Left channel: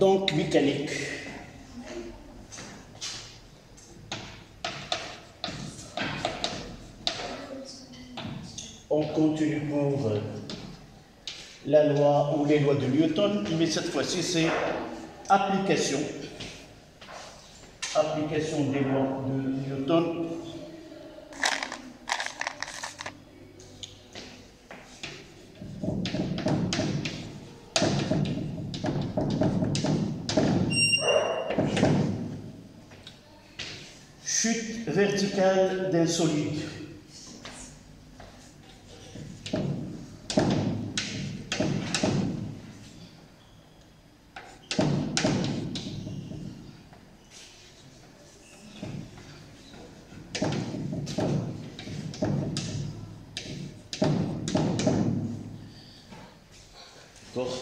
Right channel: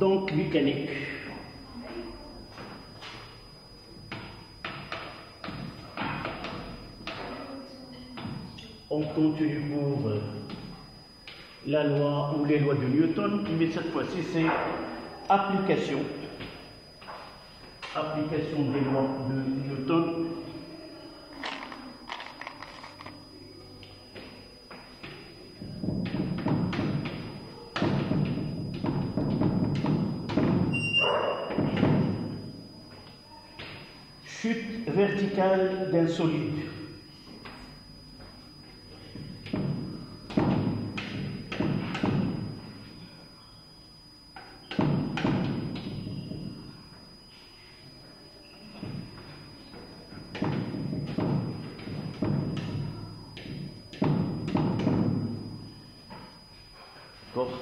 Donc, mécanique. On continue pour la loi ou les lois de Newton, mais cette fois-ci c'est application. Application des lois de Newton. Chute verticale d'un solide. D'accord.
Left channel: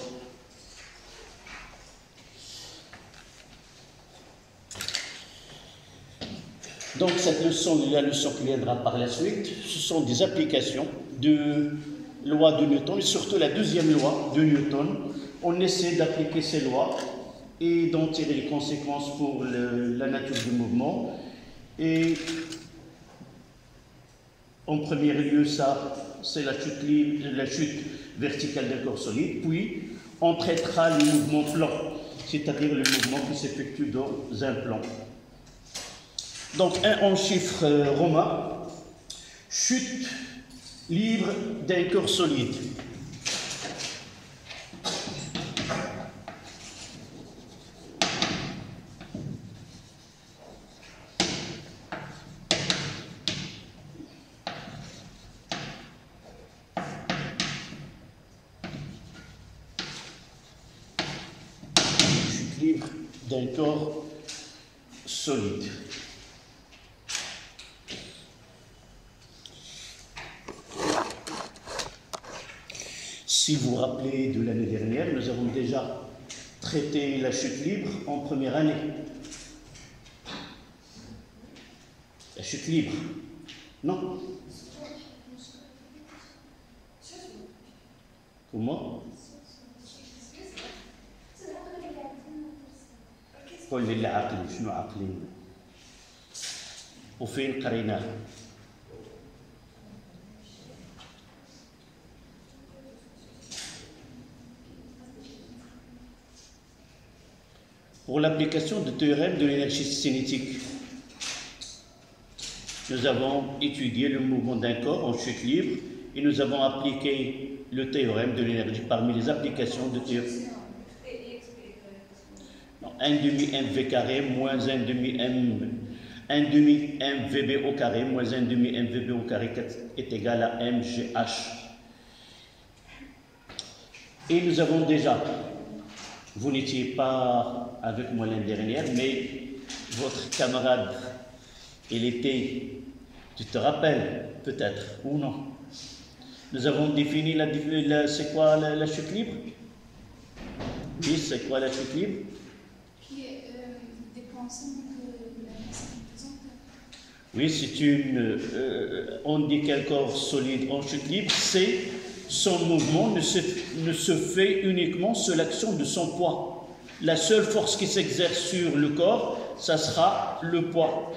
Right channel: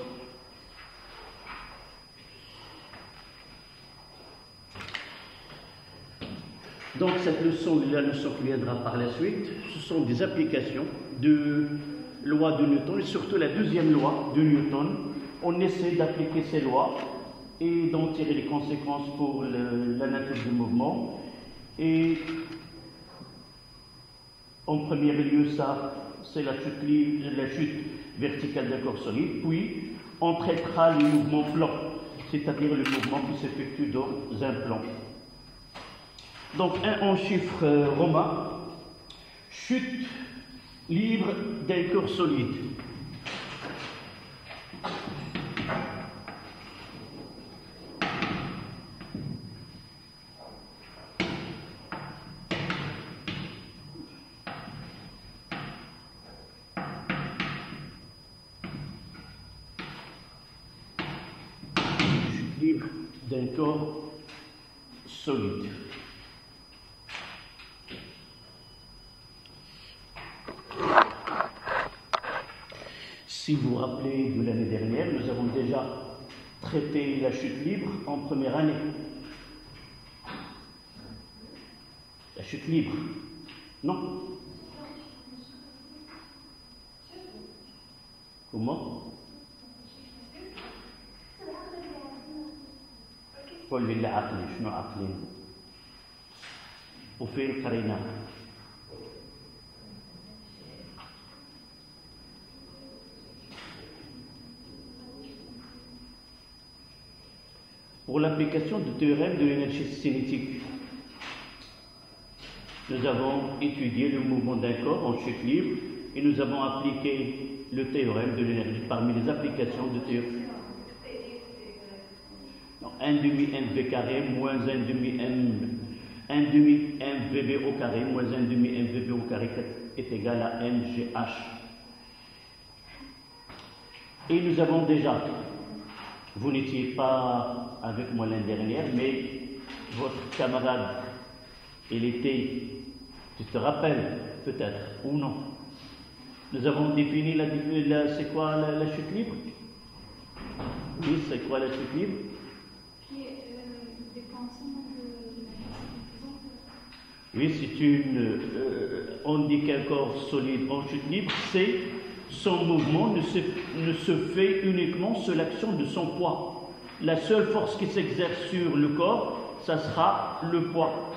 Donc cette leçon, la leçon qui viendra par la suite, ce sont des applications de loi de Newton, et surtout la deuxième loi de Newton. On essaie d'appliquer ces lois et d'en tirer les conséquences pour la nature du mouvement. Et en premier lieu, ça, c'est la chute verticale d'un corps solide. Puis, on traitera le mouvement plan, c'est-à-dire le mouvement qui s'effectue dans un plan. Donc, en chiffres romains, chute libre d'un corps solide. Chute libre d'un corps solide. Si vous vous rappelez de l'année dernière, nous avons déjà traité la chute libre en première année. La chute libre, non? Comment? قل لي العقل شنو عقلين وفين قريناه؟ Pour l'application du théorème de l'énergie cinétique, nous avons étudié le mouvement d'un corps en chute libre et nous avons appliqué le théorème de l'énergie parmi les applications de théorème. 1 demi mv carré moins 1 demi mvb au carré moins 1 demi mvb au carré est égal à mgh. Et nous avons déjà, vous n'étiez pas avec moi l'année dernière, mais votre camarade, il était, tu te rappelles peut-être ou non? Nous avons défini c'est quoi la chute libre? Oui, c'est quoi la chute libre? Oui, c'est une. On dit qu'un corps solide en chute libre, c'est son mouvement ne se fait uniquement sur l'action de son poids. La seule force qui s'exerce sur le corps, ça sera le poids.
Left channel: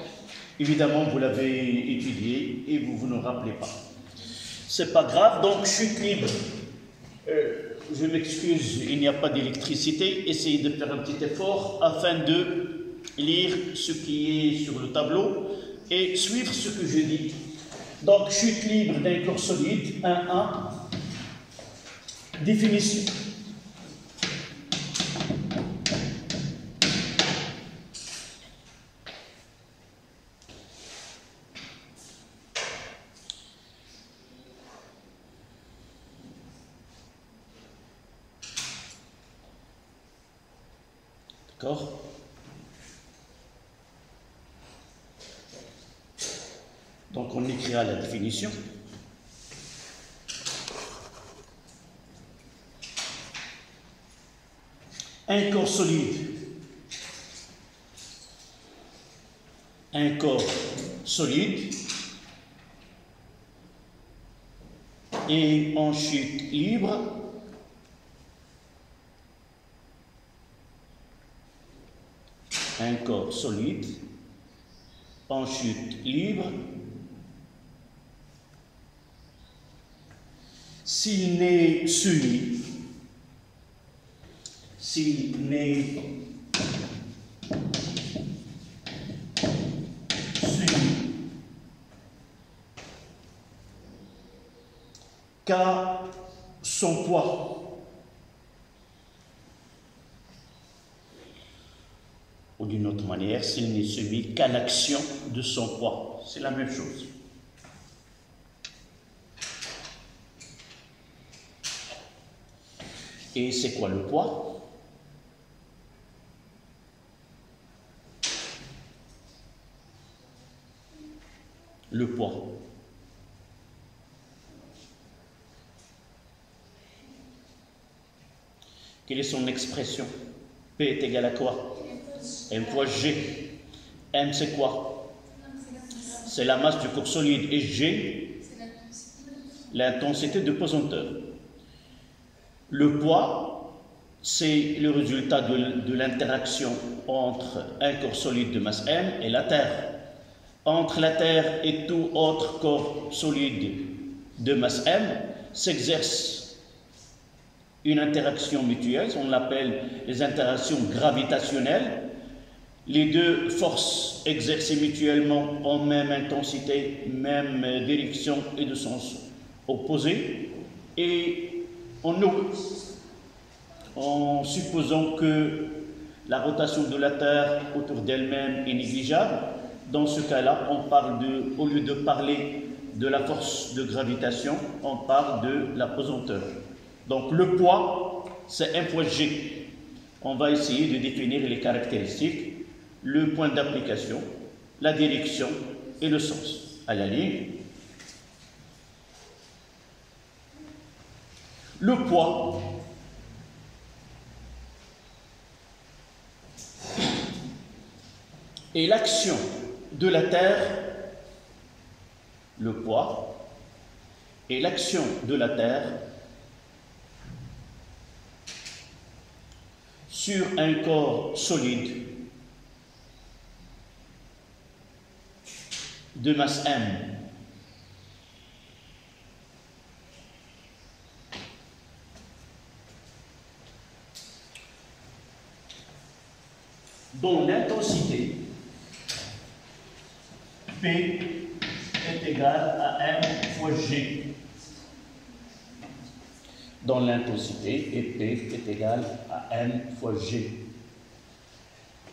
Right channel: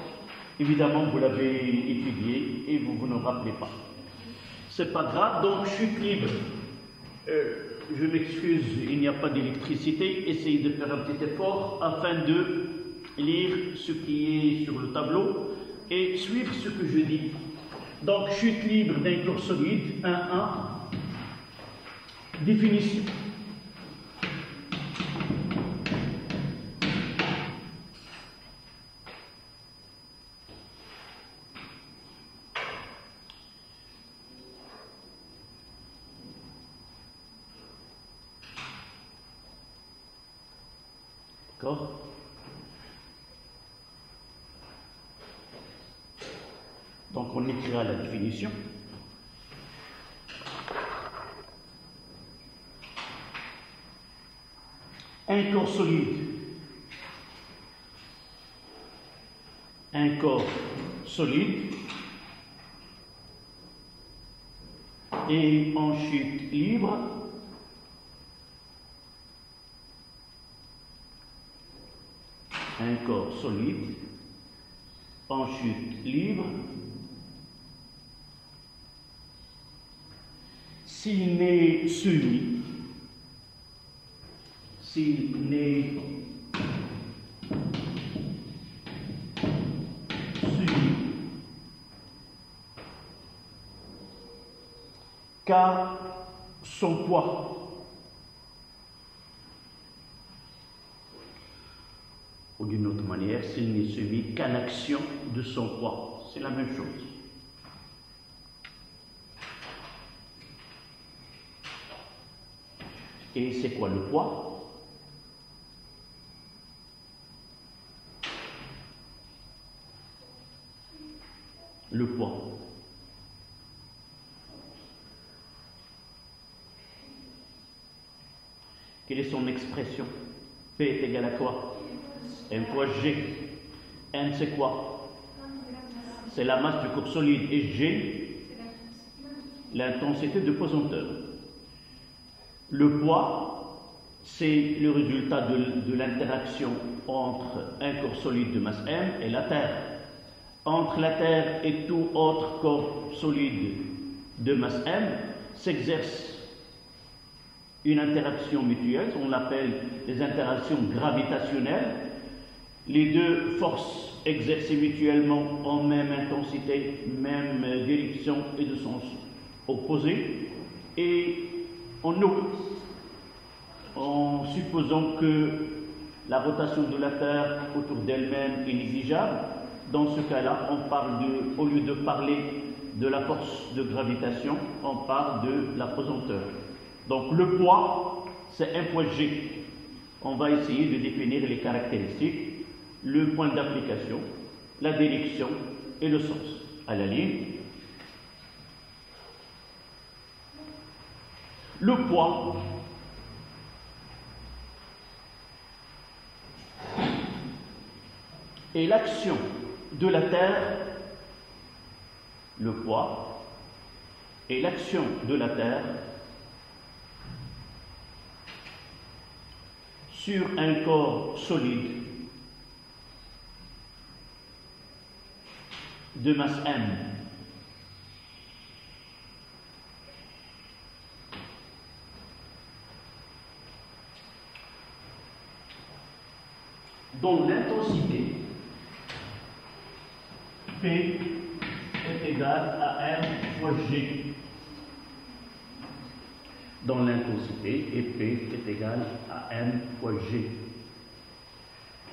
Évidemment, vous l'avez étudié et vous ne rappelez pas. C'est pas grave, donc chute libre. Je m'excuse, il n'y a pas d'électricité. Essayez de faire un petit effort afin de lire ce qui est sur le tableau et suivre ce que je dis. Donc, chute libre d'un corps solide, 1-1. Définition. D'accord? Donc, on écrira la définition. Un corps solide. Un corps solide et en chute libre un corps solide en chute libre s'il n'est semi, qu'à son poids. Ou d'une autre manière, s'il n'est soumis qu'à l'action de son poids. C'est la même chose. Et c'est quoi le poids? Le poids. Quelle est son expression? P est égal à quoi? M fois G. M c'est quoi? C'est la masse du corps solide. Et G, l'intensité de pesanteur. Le poids, c'est le résultat de l'interaction entre un corps solide de masse M et la Terre. Entre la Terre et tout autre corps solide de masse M s'exerce une interaction mutuelle, on l'appelle les interactions gravitationnelles. Les deux forces exercées mutuellement en même intensité, même direction et de sens opposé. Et en supposant que la rotation de la Terre autour d'elle-même est négligeable, dans ce cas-là, au lieu de parler de la force de gravitation, on parle de la pesanteur. Donc le poids, c'est M fois G. On va essayer de définir les caractéristiques, le point d'application, la direction et le sens. À la ligne, le poids est l'action de la Terre, le poids est l'action de la Terre sur un corps solide de masse M. Dont l'intensité P est égale à M fois G. Dont l'intensité et P est égale à M fois G.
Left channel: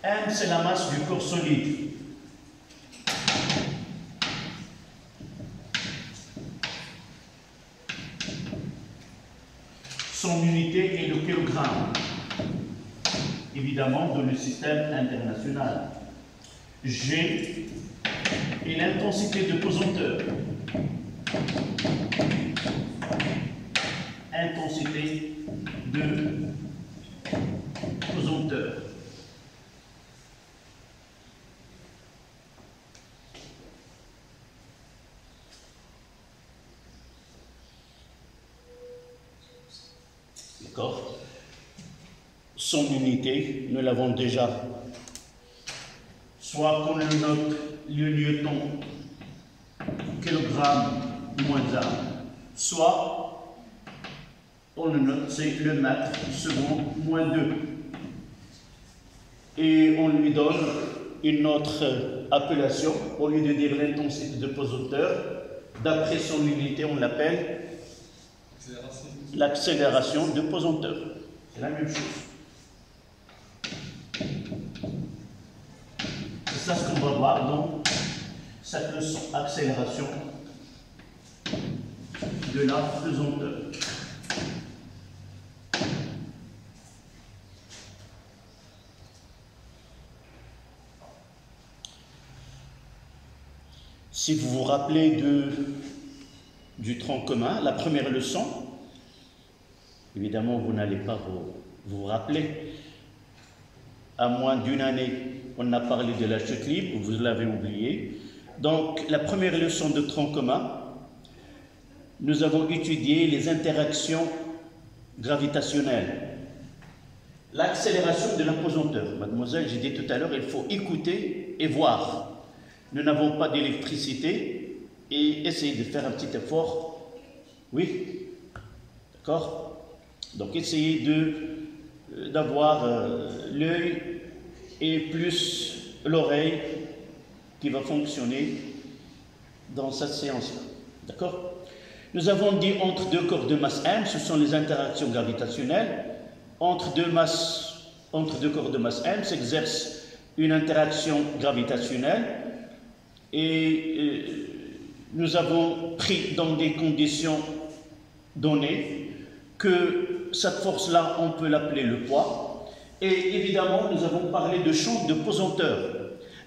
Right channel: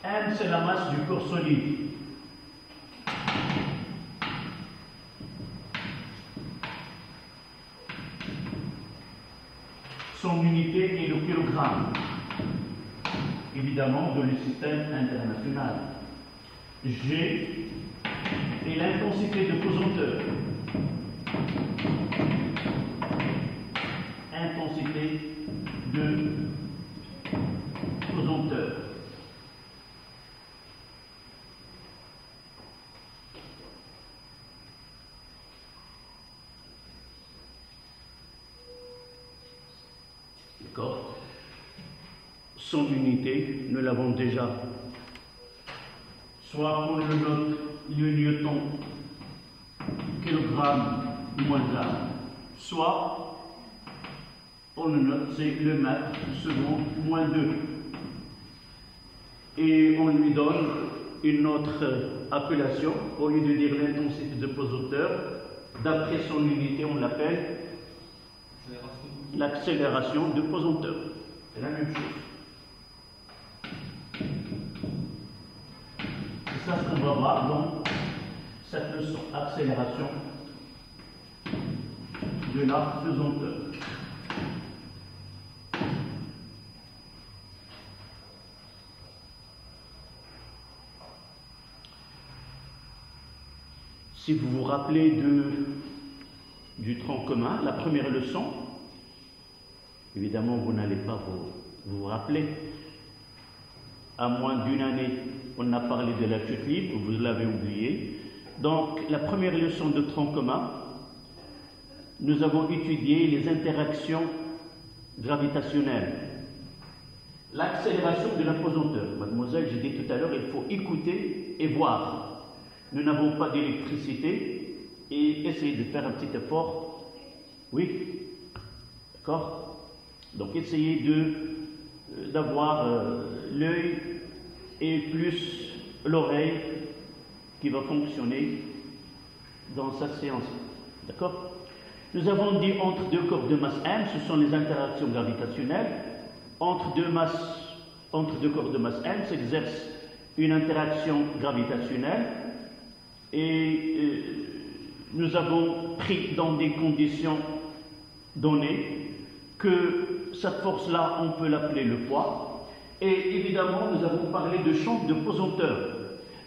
M, c'est la masse du corps solide. Son unité est le kilogramme, évidemment, dans le système international. G est l'intensité de pesanteur. Intensité de pesanteur. D'accord? Son unité, nous l'avons déjà. Soit qu'on le note le newton, kilogramme moins 1, soit on le note, c'est le mètre seconde moins 2. Et on lui donne une autre appellation, au lieu de dire l'intensité de pesanteur, d'après son unité, on l'appelle l'accélération de pesanteur. C'est la même chose. C'est ça ce qu'on va voir dans cette leçon, accélération de la pesanteur. Si vous vous rappelez du tronc commun, la première leçon, évidemment vous n'allez pas vous rappeler, à moins d'une année, on a parlé de la chute libre, vous l'avez oublié. Donc la première leçon de tronc commun, nous avons étudié les interactions gravitationnelles. L'accélération de l'apesanteur. Mademoiselle, j'ai dit tout à l'heure, il faut écouter et voir. Nous n'avons pas d'électricité et essayez de faire un petit effort. Oui, d'accord? Donc essayez d'avoir l'œil et plus l'oreille qui va fonctionner dans cette séance-là. D'accord? Nous avons dit entre deux corps de masse M, ce sont les interactions gravitationnelles. Entre deux corps de masse M s'exerce une interaction gravitationnelle et nous avons pris dans des conditions données que cette force-là, on peut l'appeler le poids. Et évidemment, nous avons parlé de champ de pesanteur.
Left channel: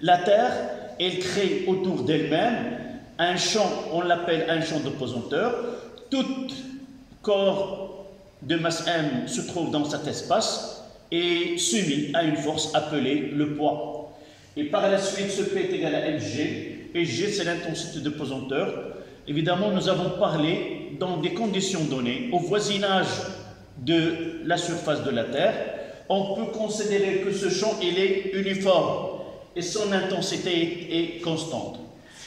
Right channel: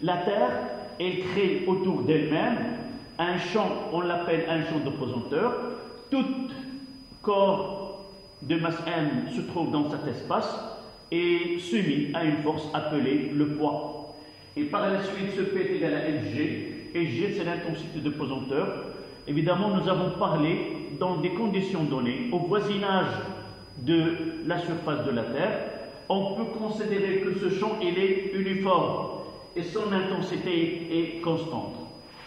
La Terre, elle crée autour d'elle-même un champ, on l'appelle un champ de pesanteur. Tout corps de masse M se trouve dans cet espace et soumis à une force appelée le poids. Et par la suite, ce P est égal à Fg, et G c'est l'intensité de pesanteur. Évidemment, nous avons parlé dans des conditions données, au voisinage de la surface de la Terre, on peut considérer que ce champ il est uniforme et son intensité est constante.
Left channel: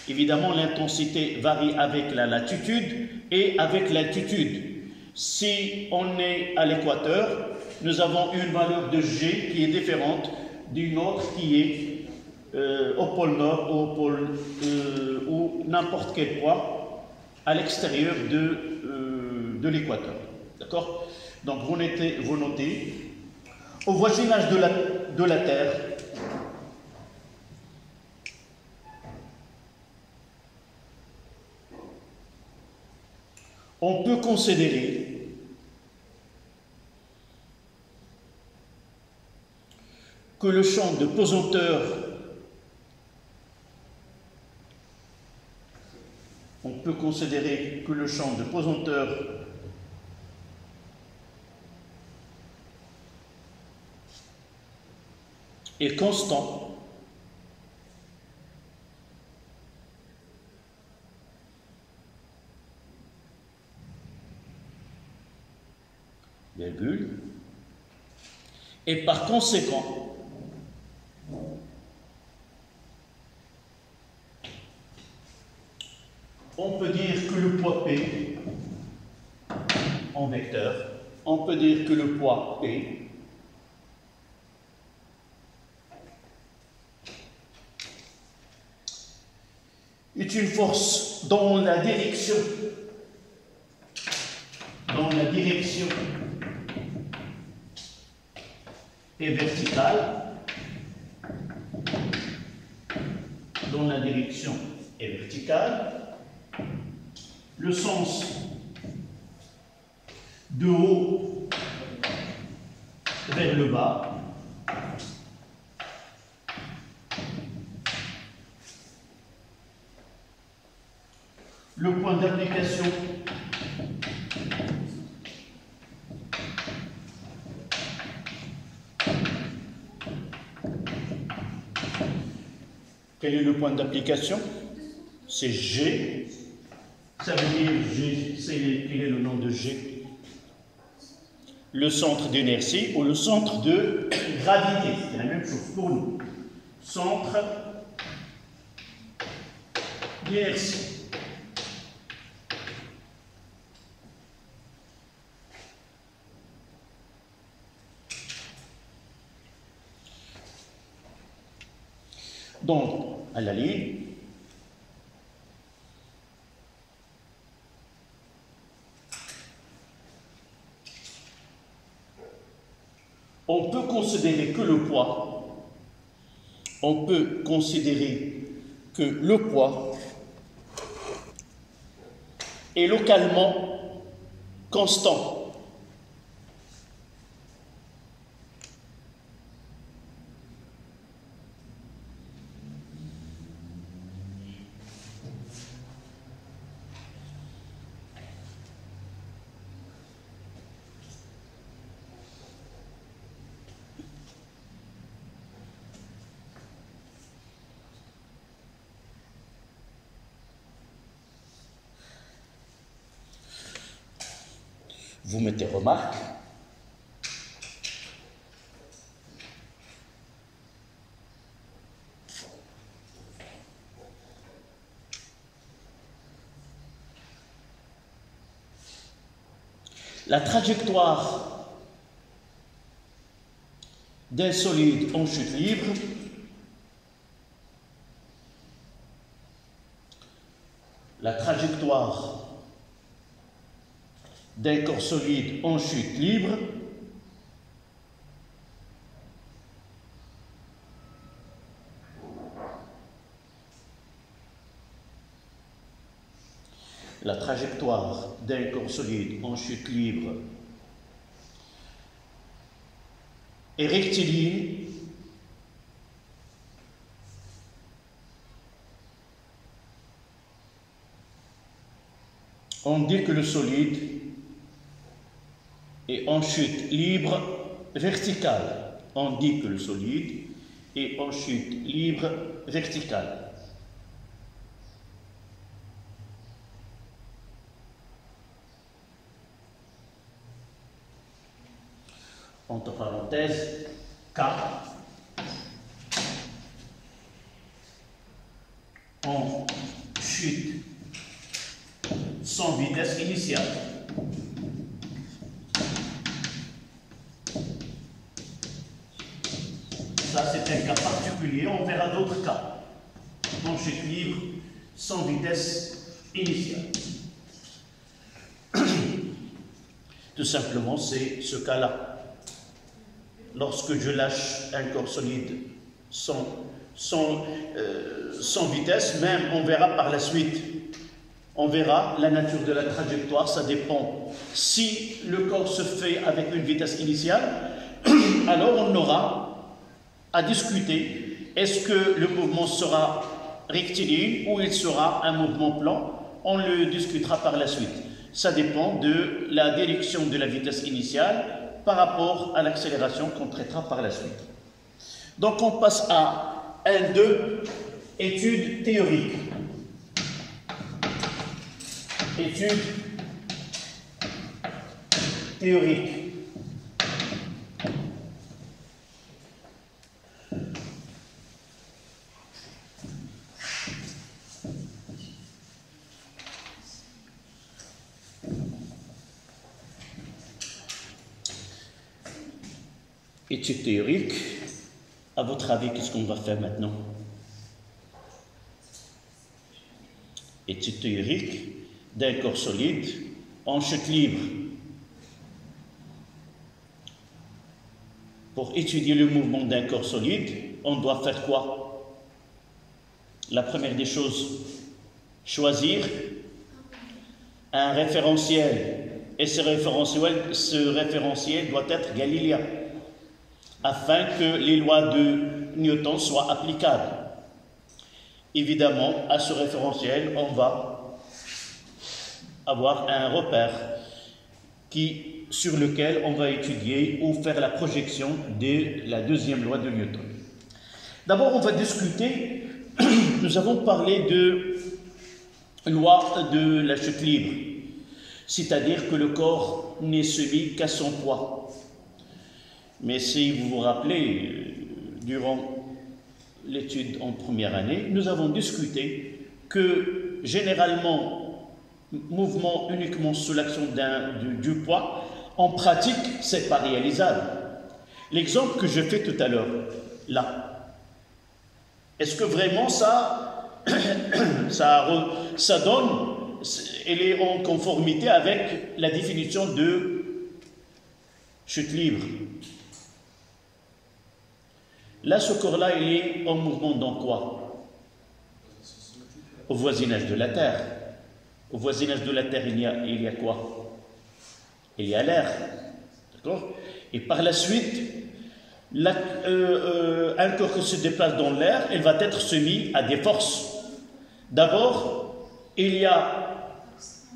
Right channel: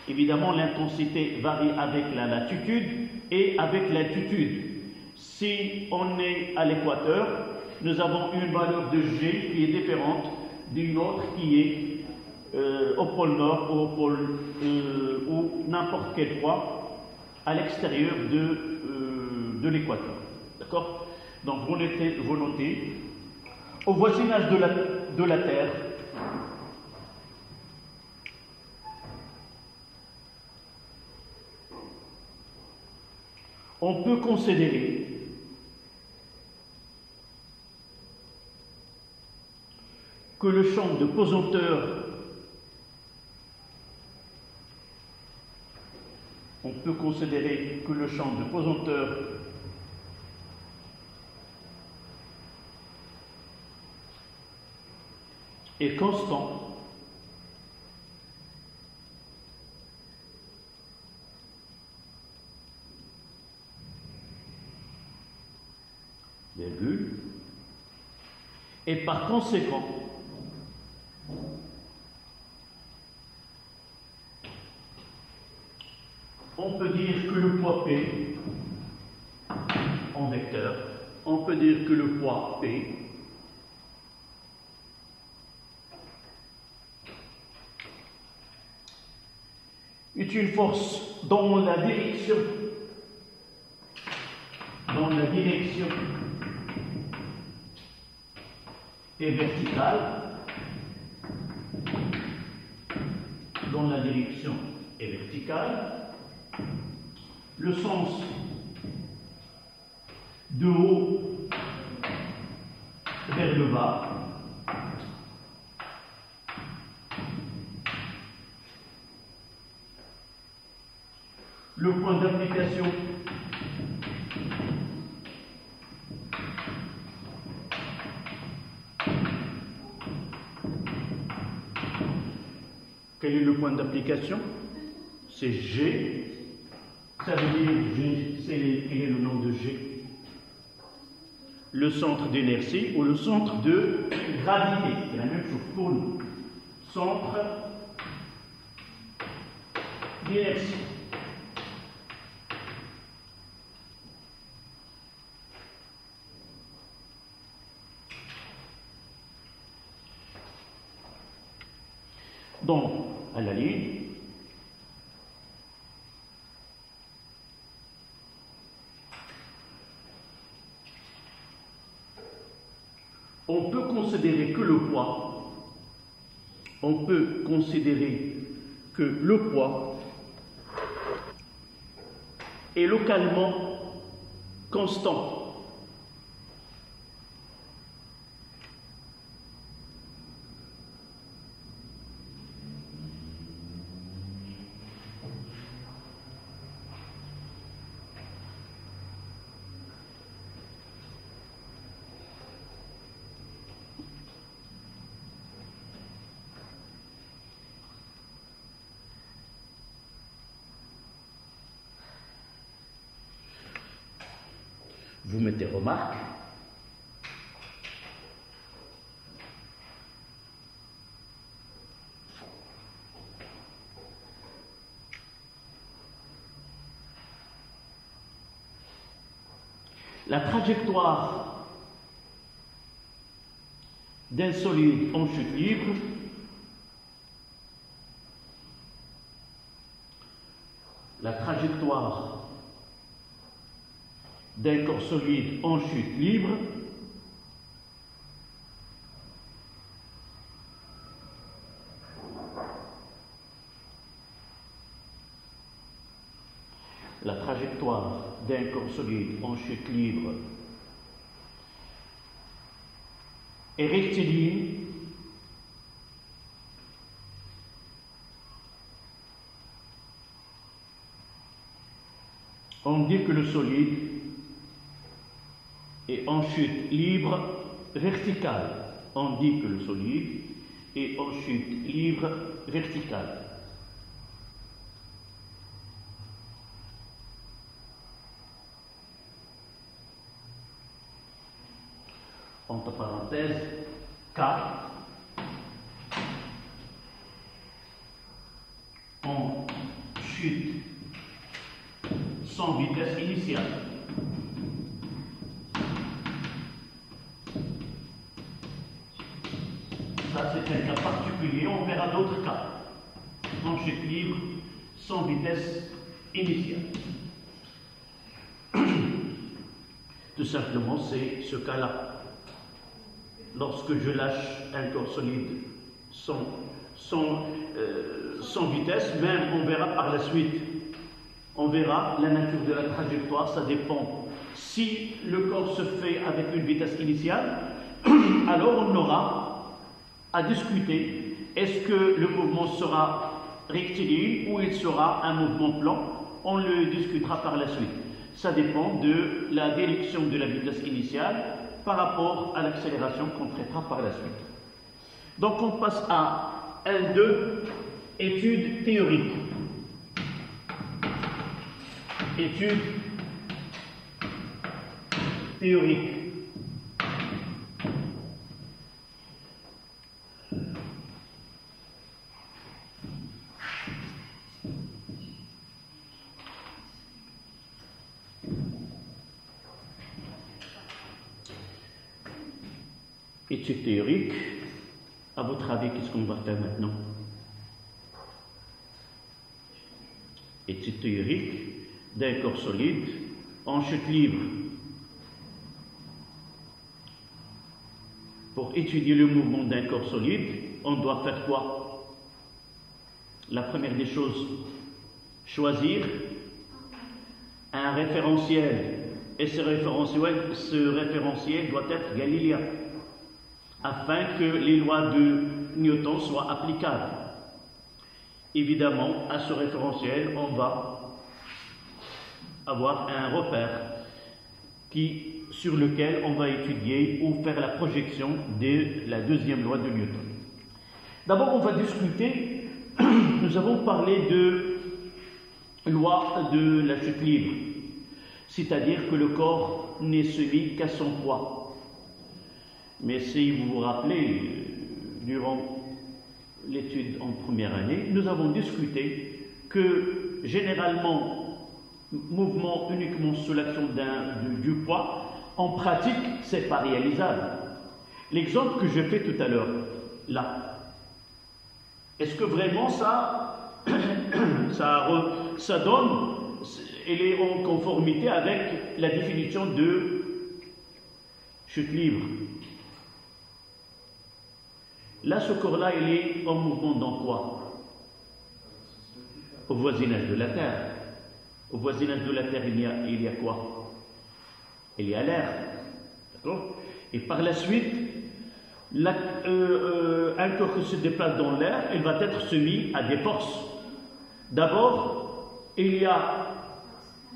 Évidemment, l'intensité varie avec la latitude et avec l'altitude. Si on est à l'équateur, nous avons une valeur de G qui est différente d'une autre qui est au pôle Nord ou au pôle ou n'importe quel point à l'extérieur de l'équateur. D'accord? Donc vous notez, au voisinage de la Terre, on peut considérer que le champ de pesanteur est constant virgule, et par conséquent, on peut dire que le poids P en vecteur, on peut dire que le poids P est une force dans la direction est verticale, dans la direction est verticale, le sens de haut vers le bas, le point d'application quel est le point d'application? C'est G. Ça veut dire G, quel est le nom de G? Le centre d'inertie ou le centre de gravité. C'est la même chose pour nous. Centre d'inertie. Donc, à la ligne, on peut considérer que le poids, est localement constant. Vous mettez remarque. La trajectoire d'un solide en chute libre d'un corps solide en chute libre est rectiligne on dit que le solide est en chute libre verticale. On dit que le solide est en chute libre verticale. Entre parenthèses, K en chute sans vitesse initiale. Ça, c'est un cas particulier, on verra d'autres cas. En chute libre sans vitesse initiale. Tout simplement, c'est ce cas-là. Lorsque je lâche un corps solide sans vitesse, même on verra par la suite, on verra la nature de la trajectoire, ça dépend. Si le corps se fait avec une vitesse initiale, alors on aura à discuter, est-ce que le mouvement sera rectiligne ou il sera un mouvement plan? On le discutera par la suite. Ça dépend de la direction de la vitesse initiale par rapport à l'accélération qu'on traitera par la suite. Donc on passe à 1-2, études théoriques. Études théoriques. Études théoriques, à votre avis, qu'est-ce qu'on va faire maintenant? Études théoriques d'un corps solide en chute libre. Pour étudier le mouvement d'un corps solide, on doit faire quoi? La première des choses, choisir un référentiel. Et ce référentiel doit être galiléen, afin que les lois de Newton soient applicables. Évidemment, à ce référentiel, on va avoir un repère sur lequel on va étudier ou faire la projection de la deuxième loi de Newton. D'abord, on va discuter, nous avons parlé de loi de la chute libre, c'est-à-dire que le corps n'est soumis qu'à son poids. Mais si vous vous rappelez, durant l'étude en première année, nous avons discuté que généralement, mouvement uniquement sous l'action du poids, en pratique, ce n'est pas réalisable. L'exemple que je fais tout à l'heure, là, est-ce que vraiment ça donne, elle est en conformité avec la définition de chute libre? Là, ce corps-là, il est en mouvement dans quoi? Au voisinage de la Terre. Au voisinage de la Terre, il y a quoi? Il y a l'air. D'accord? Et par la suite, un corps qui se déplace dans l'air, il va être soumis à des forces. D'abord,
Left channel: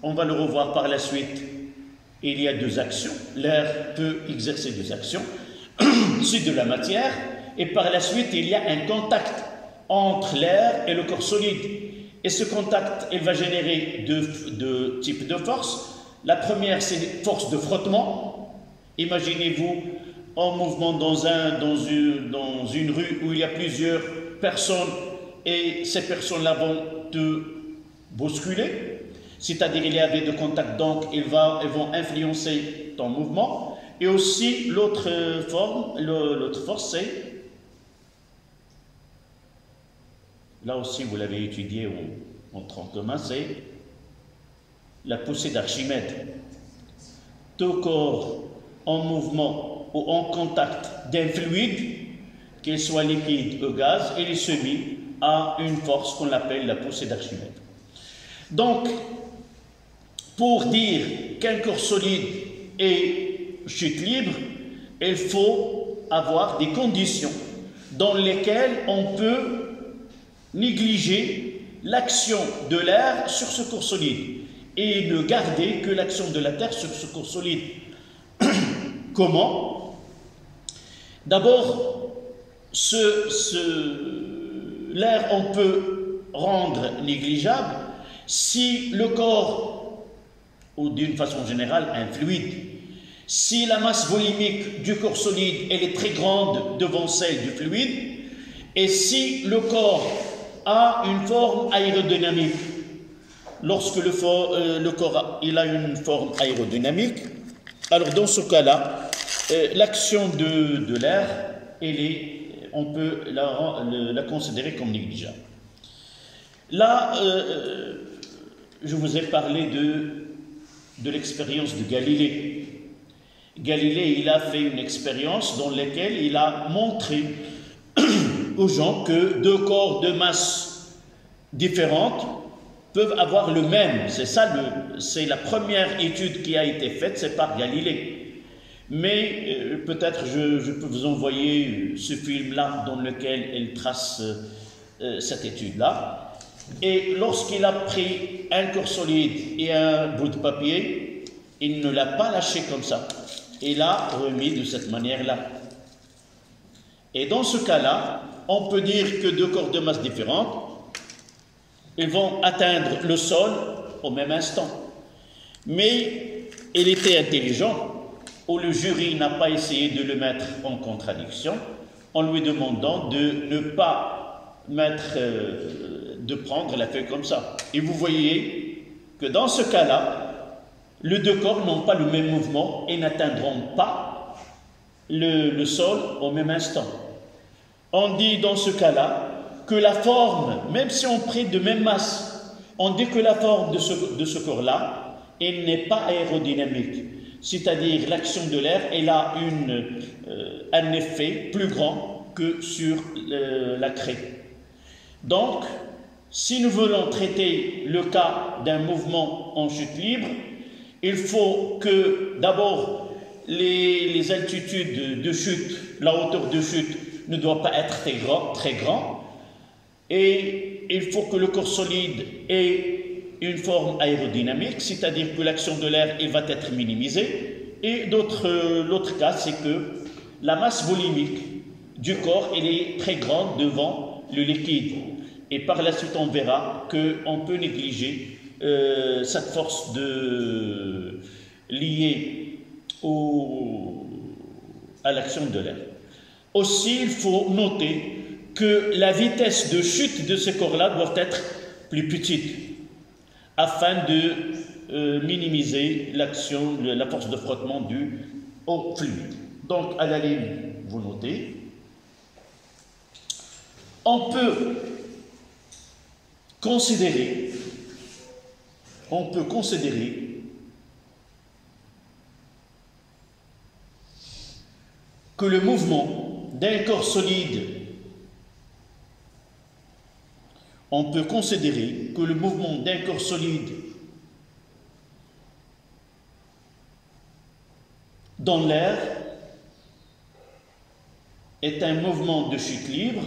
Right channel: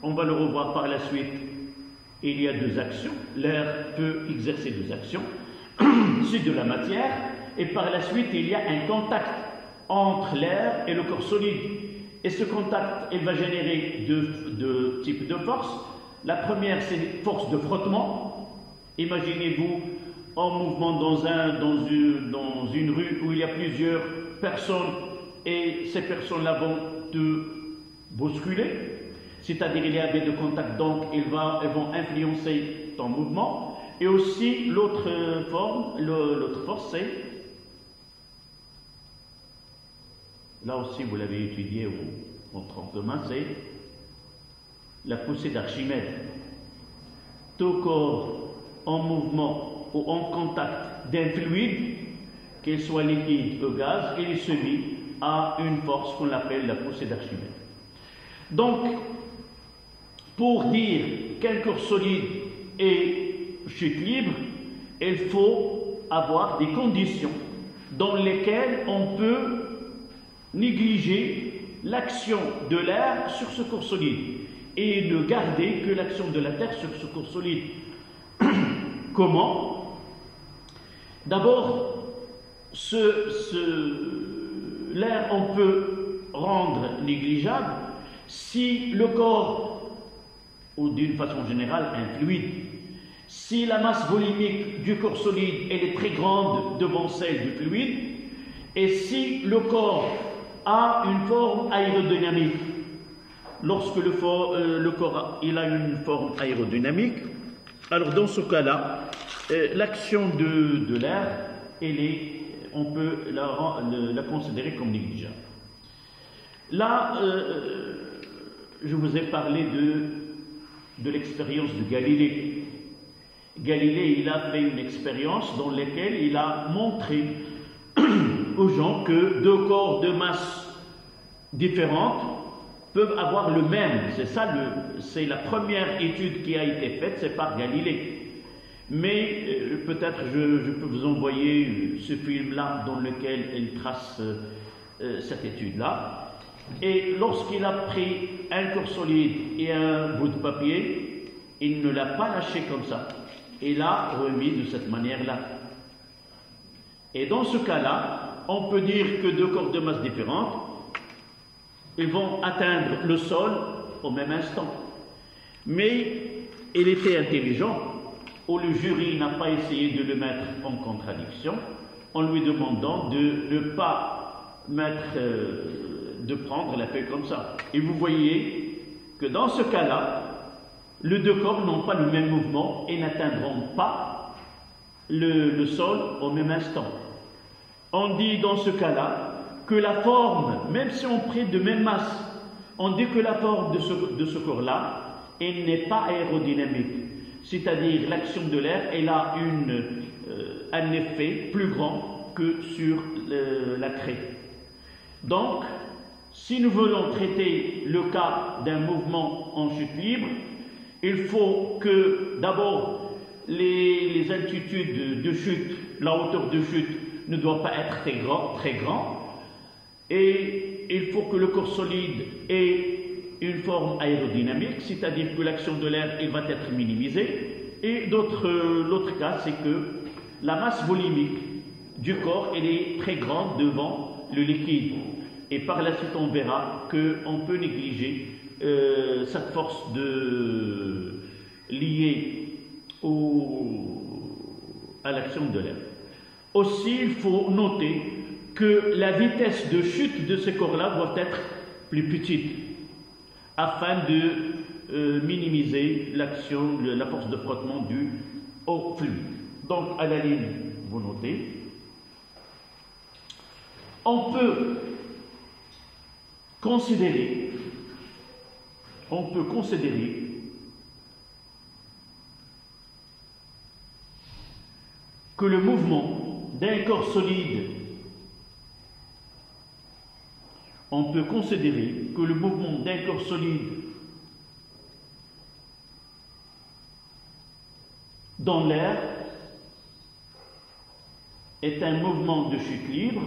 on va le revoir par la suite, il y a deux actions. L'air peut exercer deux actions. C'est de la matière. Et par la suite, il y a un contact entre l'air et le corps solide. Et ce contact, il va générer deux types de forces. La première, c'est force de frottement. Imaginez-vous en mouvement dans une rue où il y a plusieurs personnes et ces personnes-là vont te bousculer. c'est-à-dire il y avait de contact, donc ils vont influencer ton mouvement. Et aussi l'autre force, c'est, là aussi vous l'avez étudié en tronc commun, c'est la poussée d'Archimède. Tout corps en mouvement ou en contact d'un fluide, qu'il soit liquide ou gaz, il est soumis à une force qu'on appelle la poussée d'Archimède. Donc, pour dire qu'un corps solide est chute libre, il faut avoir des conditions dans lesquelles on peut négliger l'action de l'air sur ce corps solide et ne garder que l'action de la Terre sur ce corps solide. Comment? D'abord, l'air, on peut rendre négligeable si le corps, ou d'une façon générale, un fluide, si la masse volimique du corps solide elle est très grande devant celle du fluide, et si le corps a une forme aérodynamique. Lorsque le corps il a une forme aérodynamique, alors dans ce cas-là, l'action de l'air, on peut la considérer comme négligeable. Là, je vous ai parlé de l'expérience de Galilée. Galilée, il a fait une expérience dans laquelle il a montré aux gens que deux corps de masse différentes peuvent avoir le même. C'est la première étude qui a été faite, c'est par Galilée. Mais peut-être je peux vous envoyer ce film-là dans lequel il trace cette étude-là. Et lorsqu'il a pris un corps solide et un bout de papier, il ne l'a pas lâché comme ça. Il l'a remis de cette manière-là. Et dans ce cas-là, on peut dire que deux corps de masse différentes, ils vont atteindre le sol au même instant. Mais il était intelligent, ou le jury n'a pas essayé de le mettre en contradiction, en lui demandant de ne pas de prendre la feuille comme ça. Et vous voyez que dans ce cas-là, les deux corps n'ont pas le même mouvement et n'atteindront pas le sol au même instant. On dit dans ce cas-là que la forme, même si on prit de même masse, on dit que la forme de ce corps-là, elle n'est pas aérodynamique. C'est-à-dire l'action de l'air, elle a un effet plus grand que sur la craie. Donc, si nous voulons traiter le cas d'un mouvement en chute libre, il faut que d'abord les altitudes de chute, la hauteur de chute ne doit pas être très grand, et il faut que le corps solide ait une forme aérodynamique, c'est-à-dire que l'action de l'air va être minimisée. Et l'autre cas, c'est que la masse volimique du corps elle est très grande devant le liquide. Et par la suite, on verra qu'on peut négliger cette force liée à l'action de l'air. Aussi, il faut noter que la vitesse de chute de ces corps-là doit être plus petite afin de minimiser l'action, la force de frottement due au fluide. Donc, à la ligne, vous notez. On peut considérer que le mouvement d'un corps solide, dans l'air est un mouvement de chute libre,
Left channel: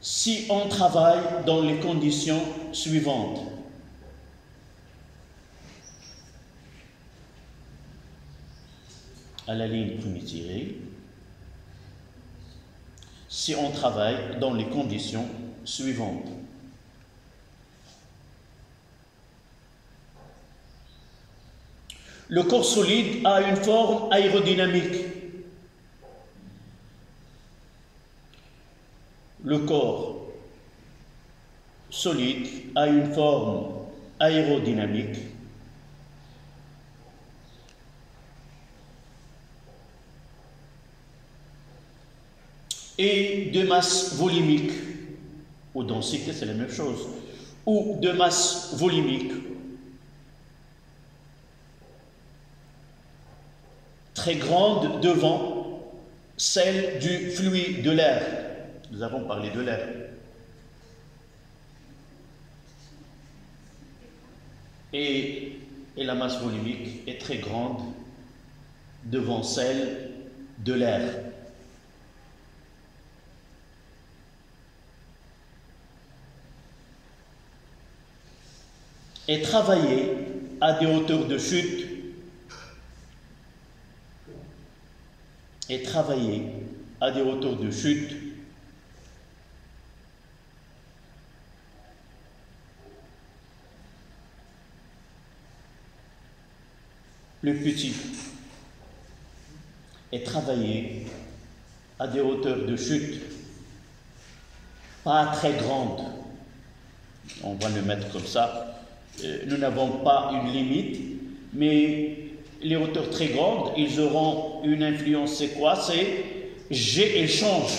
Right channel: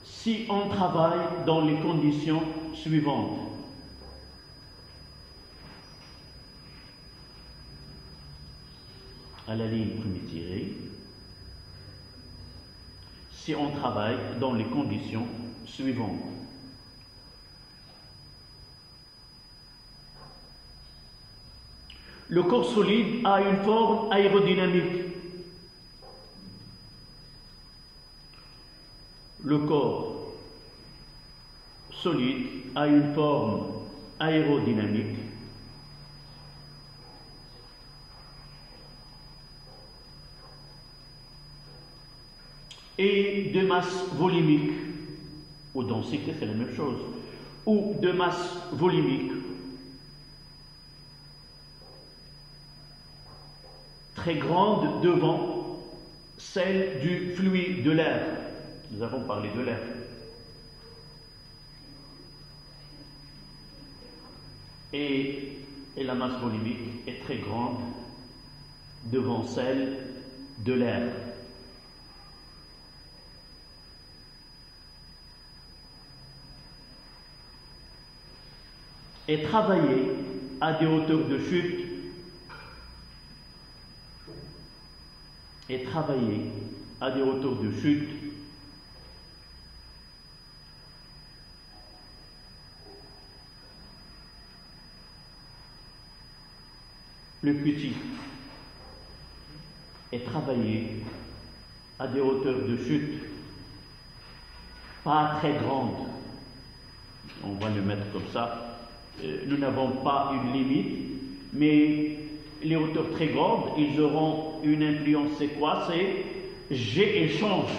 si on travaille dans les conditions suivantes. À la ligne premier tiré, si on travaille dans les conditions suivantes. Le corps solide a une forme aérodynamique. Le corps solide a une forme aérodynamique. Et de masse volumique, ou densité, c'est la même chose, ou de masse volumique très grande devant celle du fluide, de l'air. Nous avons parlé de l'air. Et la masse volumique est très grande devant celle de l'air. Et travailler à des hauteurs de chute plus petites, et travailler à des hauteurs de chute pas très grandes. On va le mettre comme ça. Nous n'avons pas une limite, mais les hauteurs très grandes, ils auront une influence. C'est quoi? C'est G échange.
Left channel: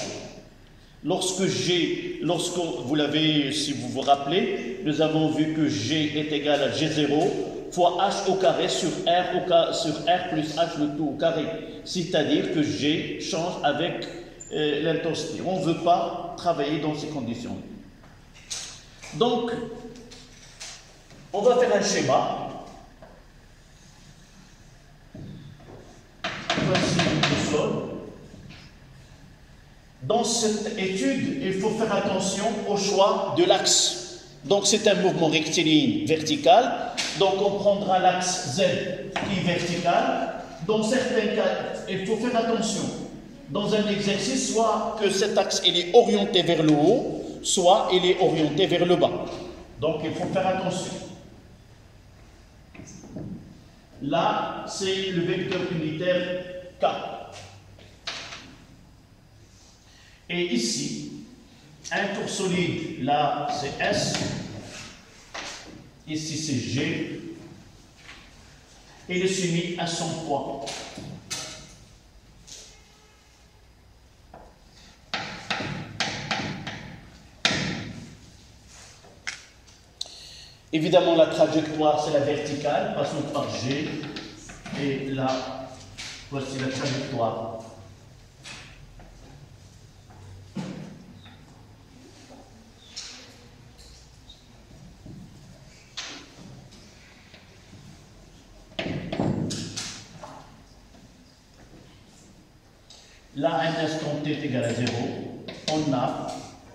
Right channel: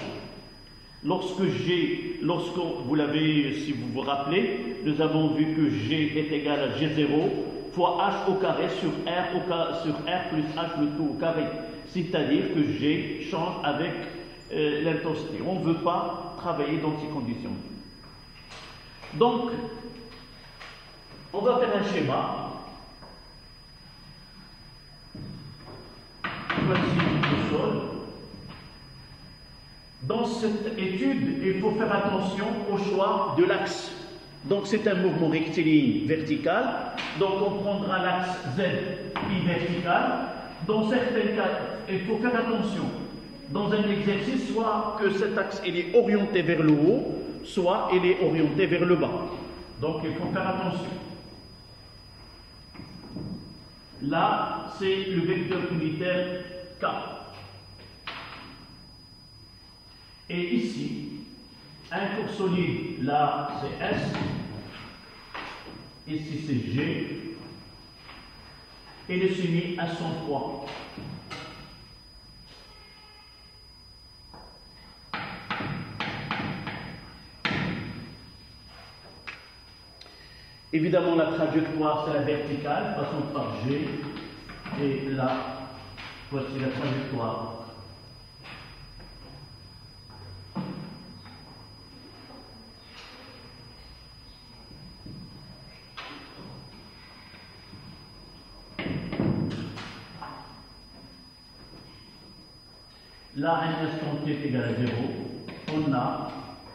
Lorsque vous l'avez, si vous vous rappelez, nous avons vu que G est égal à G0 fois H au carré sur R plus H le tout au carré. C'est-à-dire que G change avec l'intensité. On ne veut pas travailler dans ces conditions. Donc, on va faire un schéma. Voici le sol. Dans cette étude, il faut faire attention au choix de l'axe. Donc, c'est un mouvement rectiligne vertical. Donc, on prendra l'axe Z qui est vertical. Dans certains cas, il faut faire attention. Dans un exercice, soit que cet axe il est orienté vers le haut, soit il est orienté vers le bas. Donc, il faut faire attention. Là, c'est le vecteur unitaire K. Et ici, un corps solide, là, c'est S. Ici, c'est G. Et il est soumis à son poids. Évidemment, la trajectoire, c'est la verticale, passons par G, et là, voici la trajectoire. Là, un instant t est égal à 0, on a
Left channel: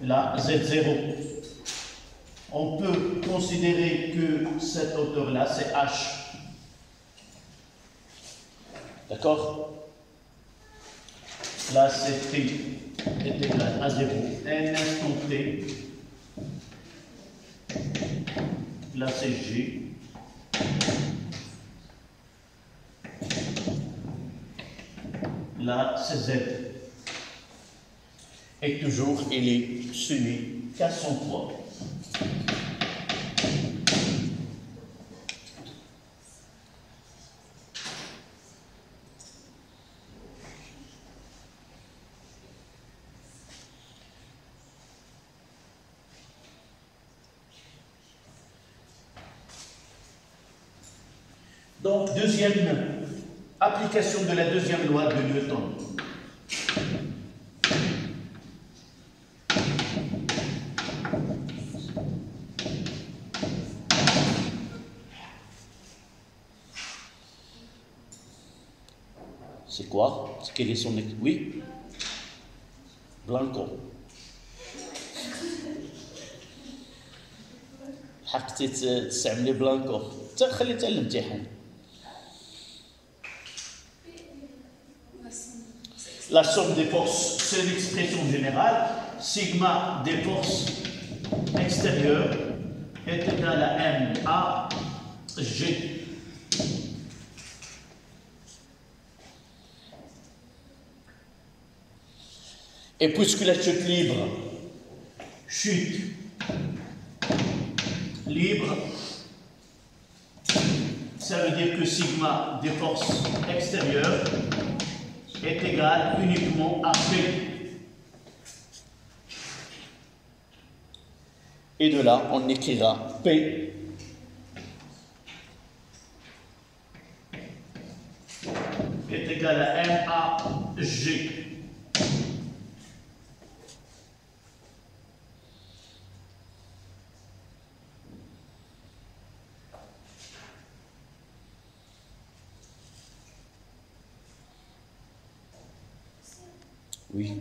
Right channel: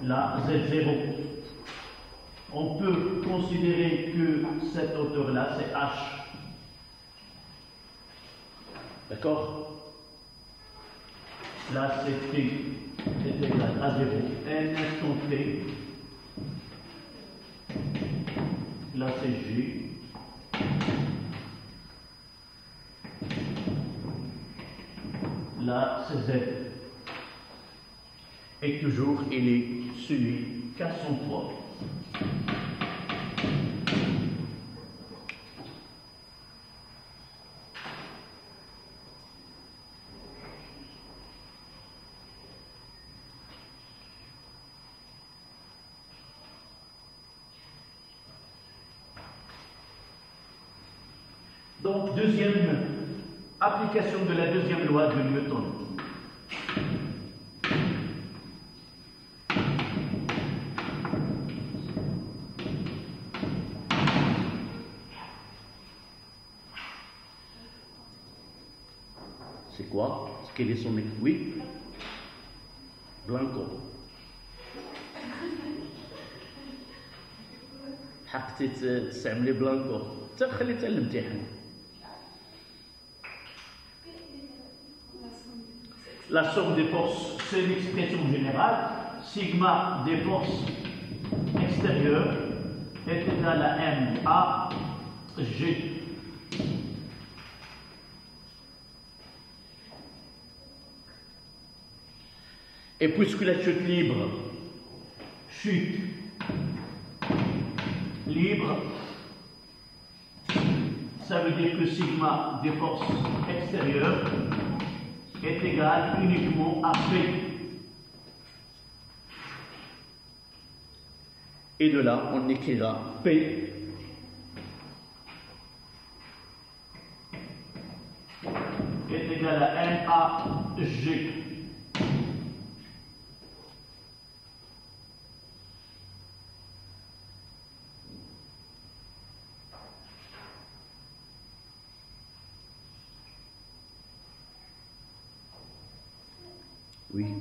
là Z0. On peut considérer que cette hauteur-là, c'est H. D'accord? Là, c'est T est égal à 0. Un instant T. Là, c'est G. Là, c'est Z. Et toujours, il est soumis qu'à son poids. Donc, deuxième application de la deuxième loi de Newton. C'est quoi? Quel est son... Oui? Blanco. حقتي تستعملي بلانكو حتى خليتها للامتحان. La somme des forces, c'est l'expression générale. Sigma des forces extérieures est égal à M A G. Et puisque la chute libre, ça veut dire que sigma des forces extérieures est égal uniquement à P. Et de là, on écrira P est égal à MAG. Oui.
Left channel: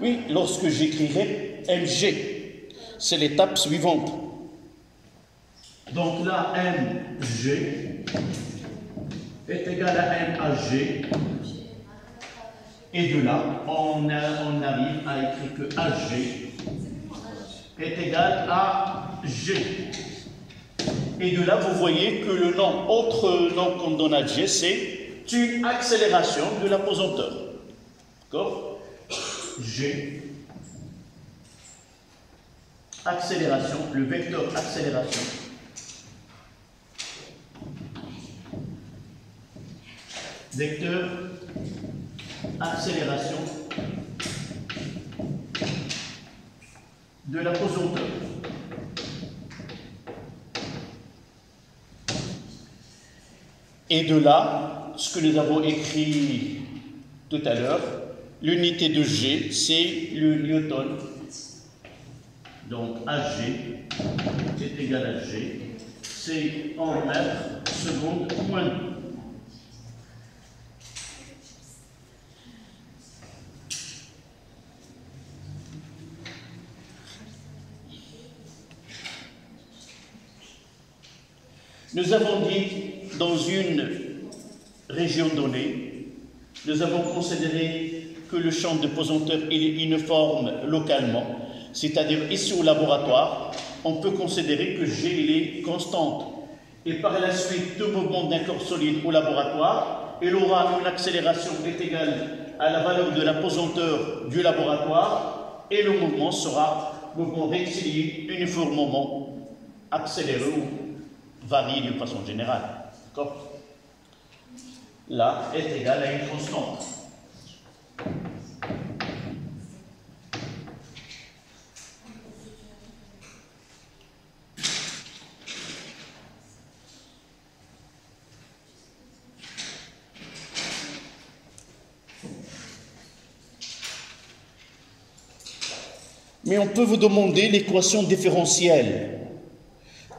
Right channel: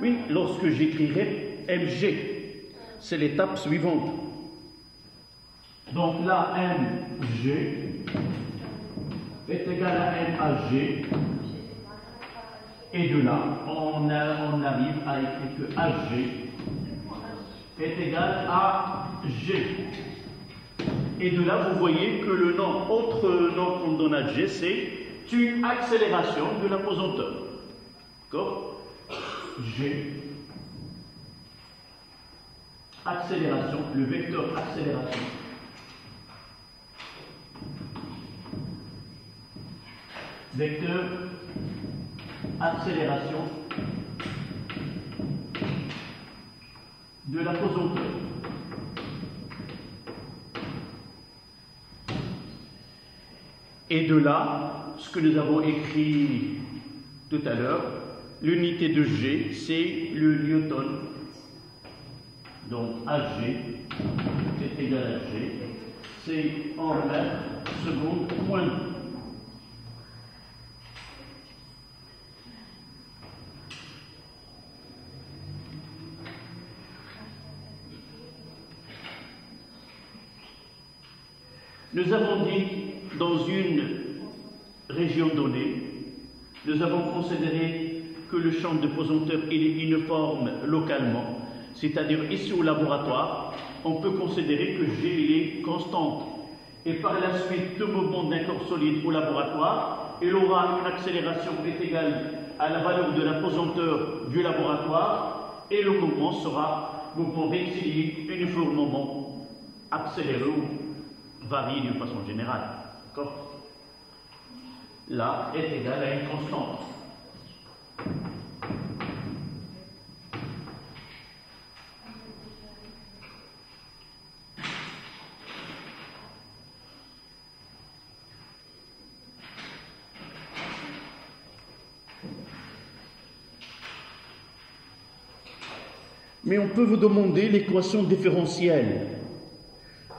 Oui, lorsque j'écrirai MG, c'est l'étape suivante. Donc là, MG est égal à MAG. Et de là, on arrive à écrire que AG est égal à G. Et de là, vous voyez que le nom, autre nom qu'on donne à G, c'est une accélération de l'apesanteur. D'accord? G, accélération, le vecteur accélération. Vecteur accélération de l'apesanteur. Et de là, ce que nous avons écrit tout à l'heure, l'unité de G, c'est le newton. Donc AG est égal à G, c'est en mètres secondes moins. Nous avons dit, dans une région donnée, nous avons considéré que le champ de pesanteur est uniforme localement, c'est-à-dire ici au laboratoire, on peut considérer que G est constante. Et par la suite, tout mouvement d'un corps solide au laboratoire, il aura une accélération qui est égale à la valeur de la pesanteur du laboratoire, et le mouvement sera mouvement rectiligne, uniformément accéléré ou varie d'une façon générale. D'accord? Là est égal à une constante. Mais on peut vous demander l'équation différentielle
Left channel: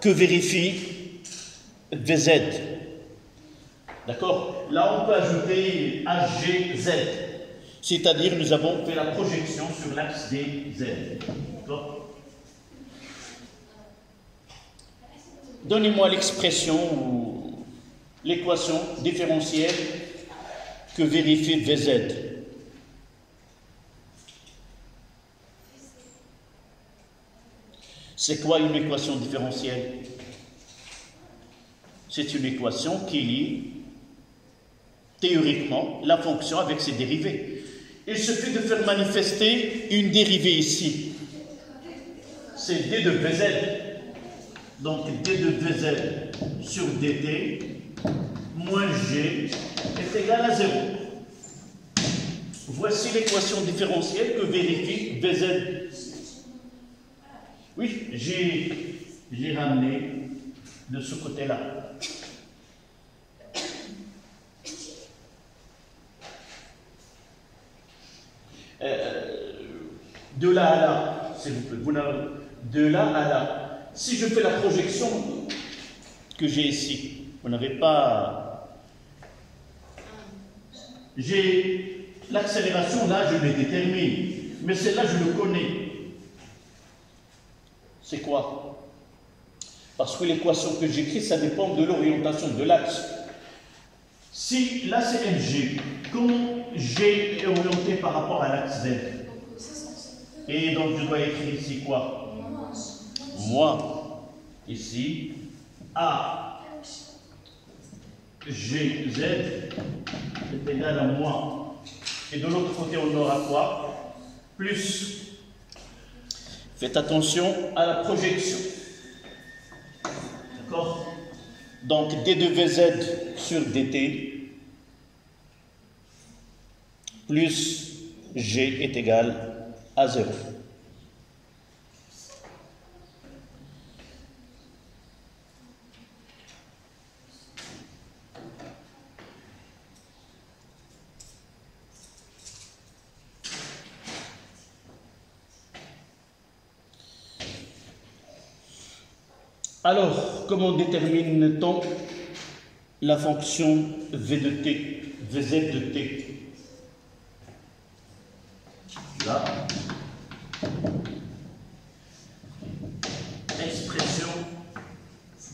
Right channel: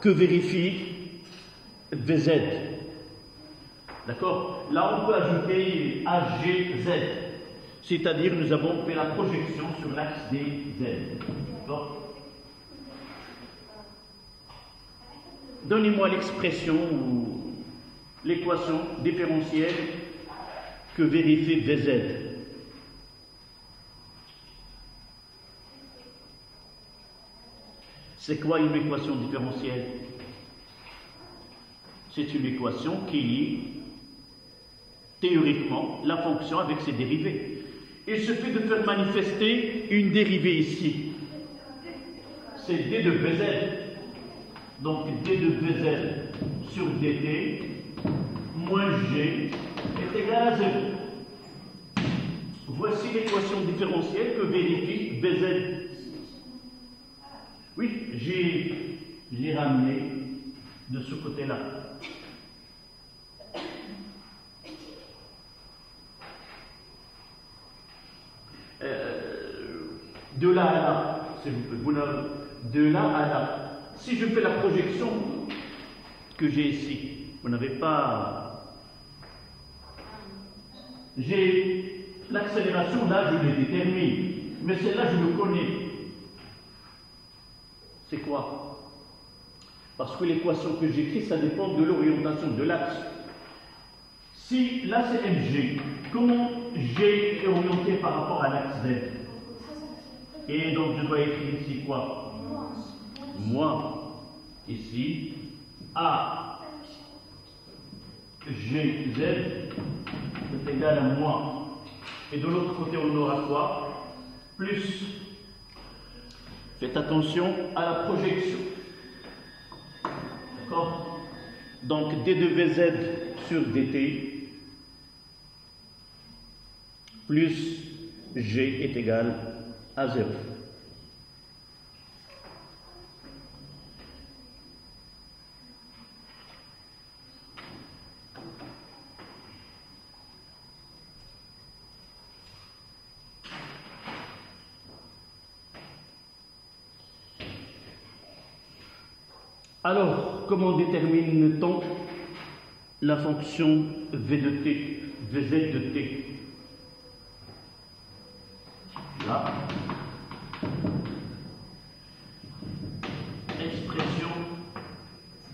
que vérifie VZ. D'accord? Là, on peut ajouter AGZ. C'est-à-dire, nous avons fait la projection sur l'axe des Z. D'accord? Donnez-moi l'expression ou l'équation différentielle que vérifie VZ. C'est quoi une équation différentielle? C'est une équation qui lie théoriquement la fonction avec ses dérivés. Il suffit de faire manifester une dérivée ici. C'est d de Vz. Donc d de Vz sur dt moins g est égal à 0. Voici l'équation différentielle que vérifie Vz. Oui, j'ai ramené de ce côté-là. De là à là, s'il vous plaît, de là à là. Si je fais la projection que j'ai ici, vous n'avez pas... J'ai l'accélération, là, je l'ai détermine, mais celle-là, je le connais. C'est quoi? Parce que l'équation que j'écris, ça dépend de l'orientation de l'axe. Si là c'est MG, comment G est orienté par rapport à l'axe Z? Et donc je dois écrire ici quoi? Moi. Ici, A GZ est égal à moi Et de l'autre côté, on aura quoi? Plus. Faites attention à la projection. D'accord? Donc, d2vz sur dt plus g est égal à 0. Alors, comment détermine-t-on la fonction v de t, vz de t? Là, expression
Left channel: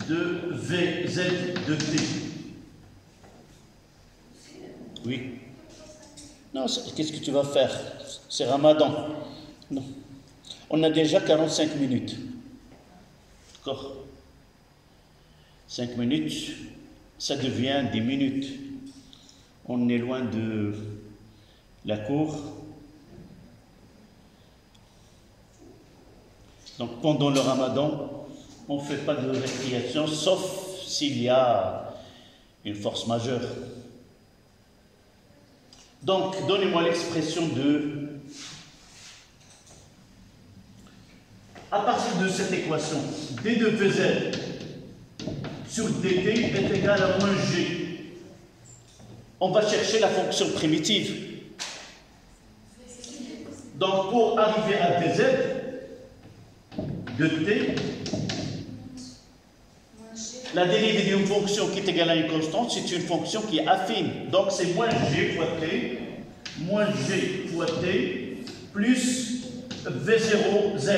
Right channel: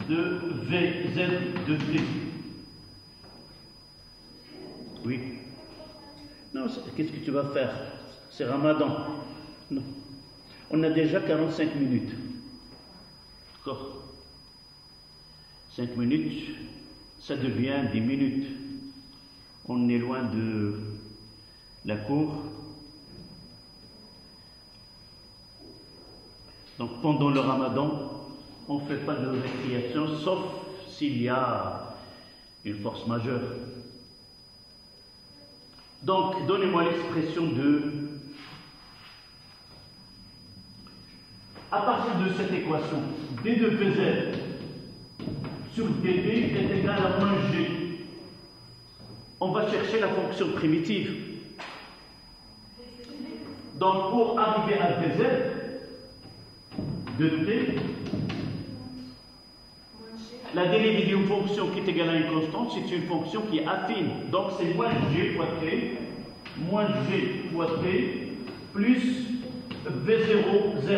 de vz de t. Oui. Non, qu'est-ce que tu vas faire? C'est Ramadan. Non. On a déjà 45 minutes. D'accord? 5 minutes, ça devient 10 minutes. On est loin de la cour. Donc pendant le Ramadan, on ne fait pas de récréation, sauf s'il y a une force majeure. Donc, donnez-moi l'expression de... À partir de cette équation, d de vz sur dt est égal à moins g. On va chercher la fonction primitive. Donc, pour arriver à dz de t, la dérivée d'une fonction qui est égale à une constante, c'est une fonction qui est affine. Donc, c'est moins g fois t plus v0z.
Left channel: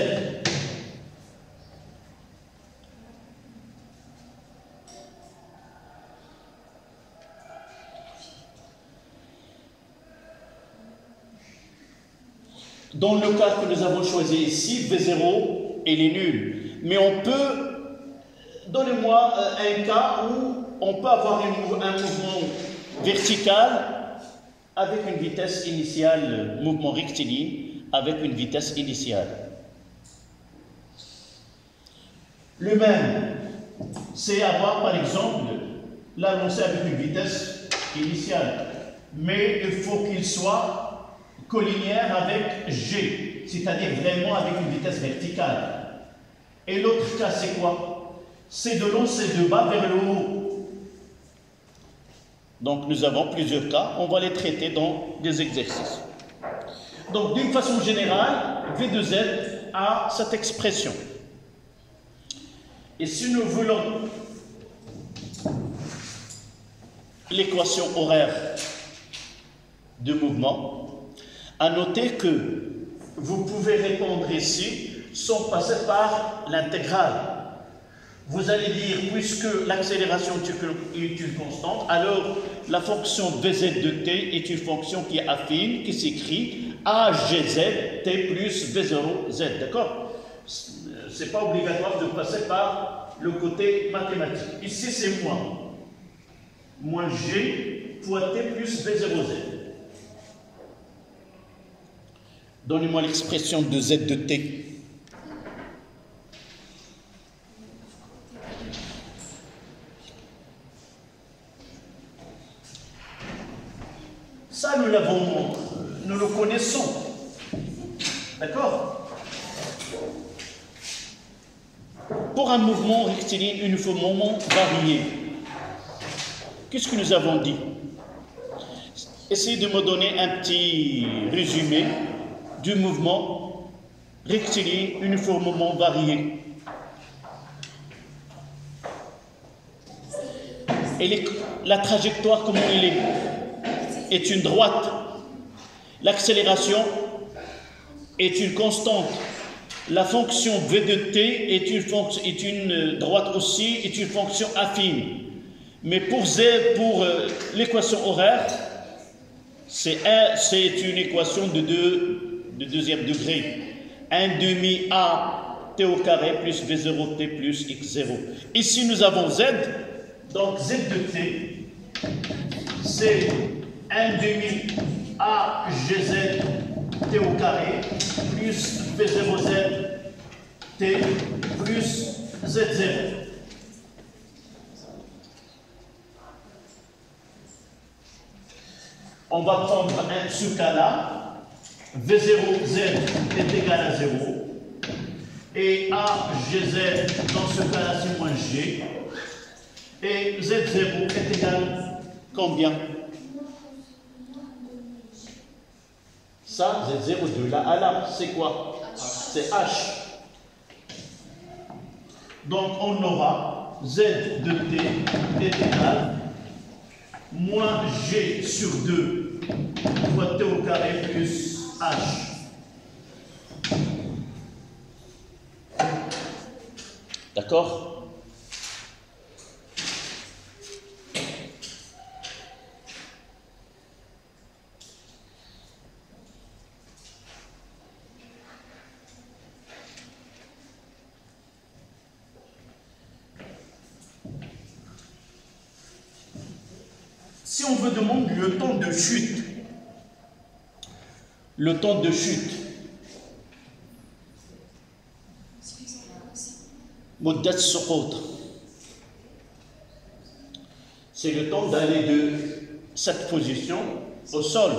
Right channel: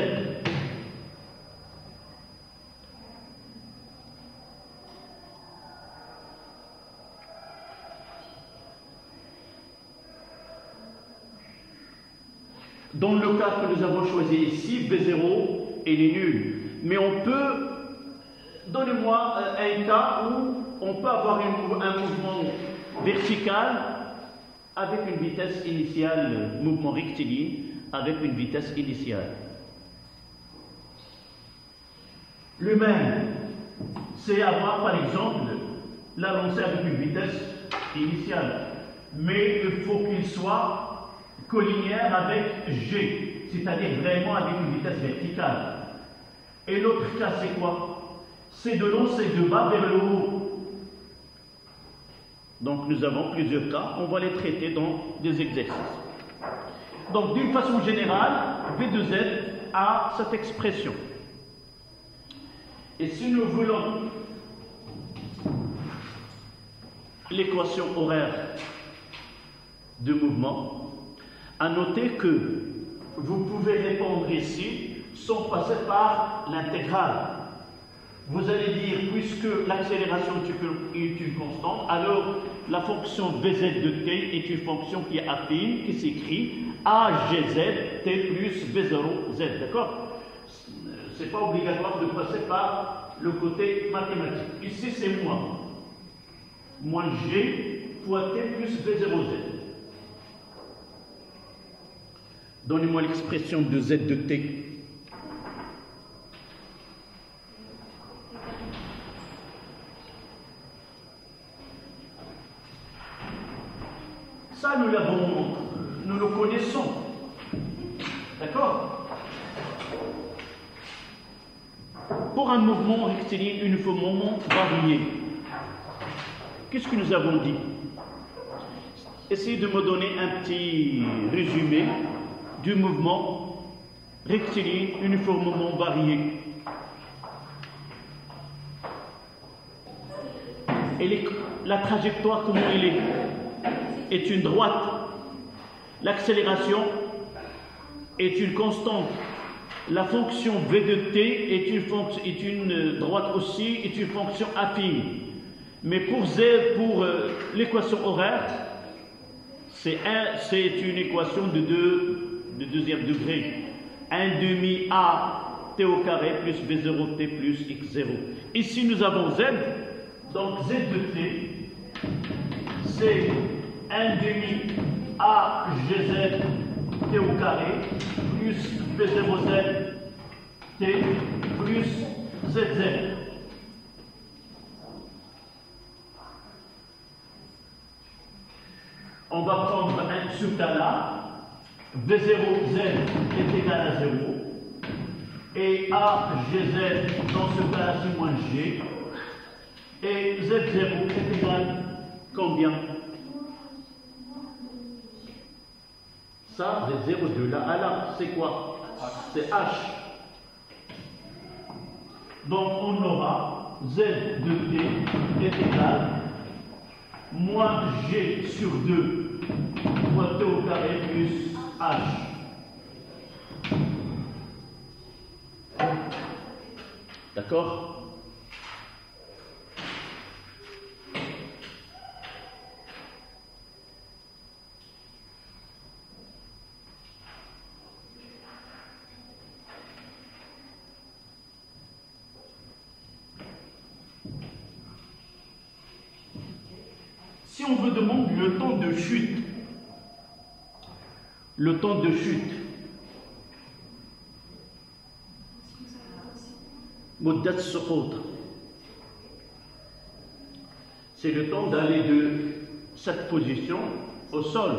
Dans le cas que nous avons choisi ici, V0, il est nul. Mais on peut, donnez-moi un cas où on peut avoir un mouvement vertical avec une vitesse initiale, mouvement rectiligne avec une vitesse initiale. Le même, c'est avoir par exemple la lancée avec une vitesse initiale. Mais il faut qu'il soit collinéaire avec G, c'est-à-dire vraiment avec une vitesse verticale. Et l'autre cas, c'est quoi? C'est de lancer de bas vers le haut. Donc, nous avons plusieurs cas, on va les traiter dans des exercices. Donc, d'une façon générale, V de Z a cette expression. Et si nous voulons l'équation horaire de mouvement, à noter que vous pouvez répondre ici sans passer par l'intégrale. Vous allez dire, puisque l'accélération est une constante, alors la fonction Vz de t est une fonction qui est affine, qui s'écrit AGZ t plus V0z, d'accord? Ce n'est pas obligatoire de passer par le côté mathématique. Ici, c'est moins. Moins G fois t plus V0z. Donnez-moi l'expression de Z de T. Ça, nous le connaissons. D'accord? Pour un mouvement rectiligne uniformément varié, qu'est-ce que nous avons dit? Essayez de me donner un petit résumé du mouvement rectiligne uniformément varié. Et la trajectoire, comment elle est une droite. L'accélération est une constante. La fonction V de t est une droite aussi, est une fonction affine. Mais pour l'équation horaire, c'est une équation de deuxième degré. 1 demi a t au carré plus v0 t plus x0. Ici, nous avons z. Donc, z de t, c'est 1 demi AGZ T au carré plus V0Z T plus Z0. On va prendre ce cas-là, V0Z est égal à 0, et AGZ, dans ce cas-là, c'est moins G, et Z0 est égal combien? Ça, Z0 de là à là, c'est quoi? C'est H. Donc, on aura Z de T est égal moins G sur 2 fois T au carré plus H. D'accord? Si on veut demander le temps de chute, مدة السقوط, c'est le temps d'aller de cette position au sol.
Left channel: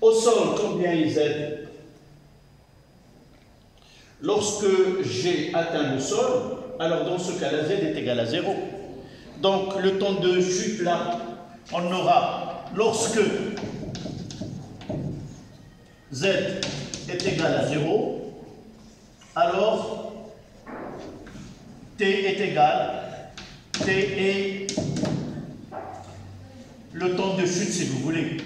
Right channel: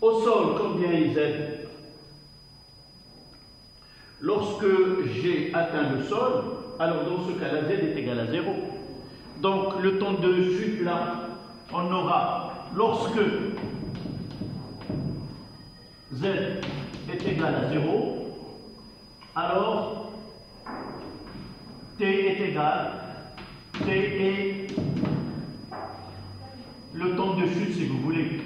Au sol, combien il Z? Lorsque j'ai atteint le sol, alors dans ce cas-là, Z est égal à 0. Donc, le temps de chute, là, on aura, lorsque Z est égal à 0, alors T est égal, T est le temps de chute, si vous voulez.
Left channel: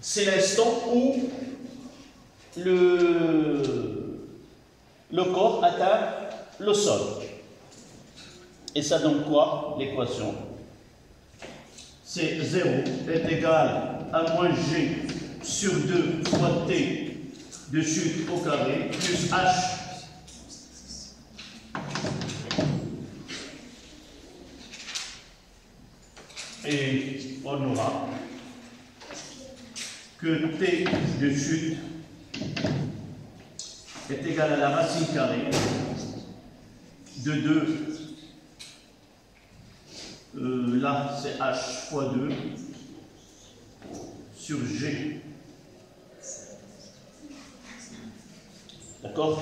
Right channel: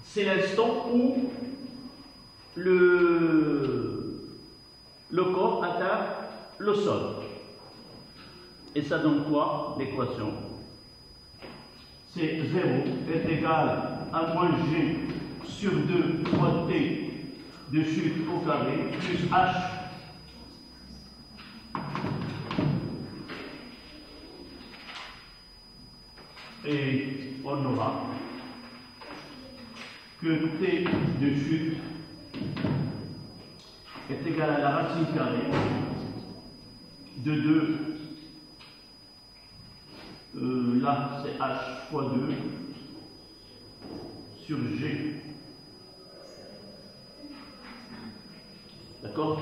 C'est l'instant où le corps atteint le sol. Et ça donne quoi, l'équation? C'est 0 est égal à moins G sur 2 fois T de chute au carré plus H. Et on aura que T de chute est égal à la racine carrée de 2, là c'est H fois 2 sur G. D'accord?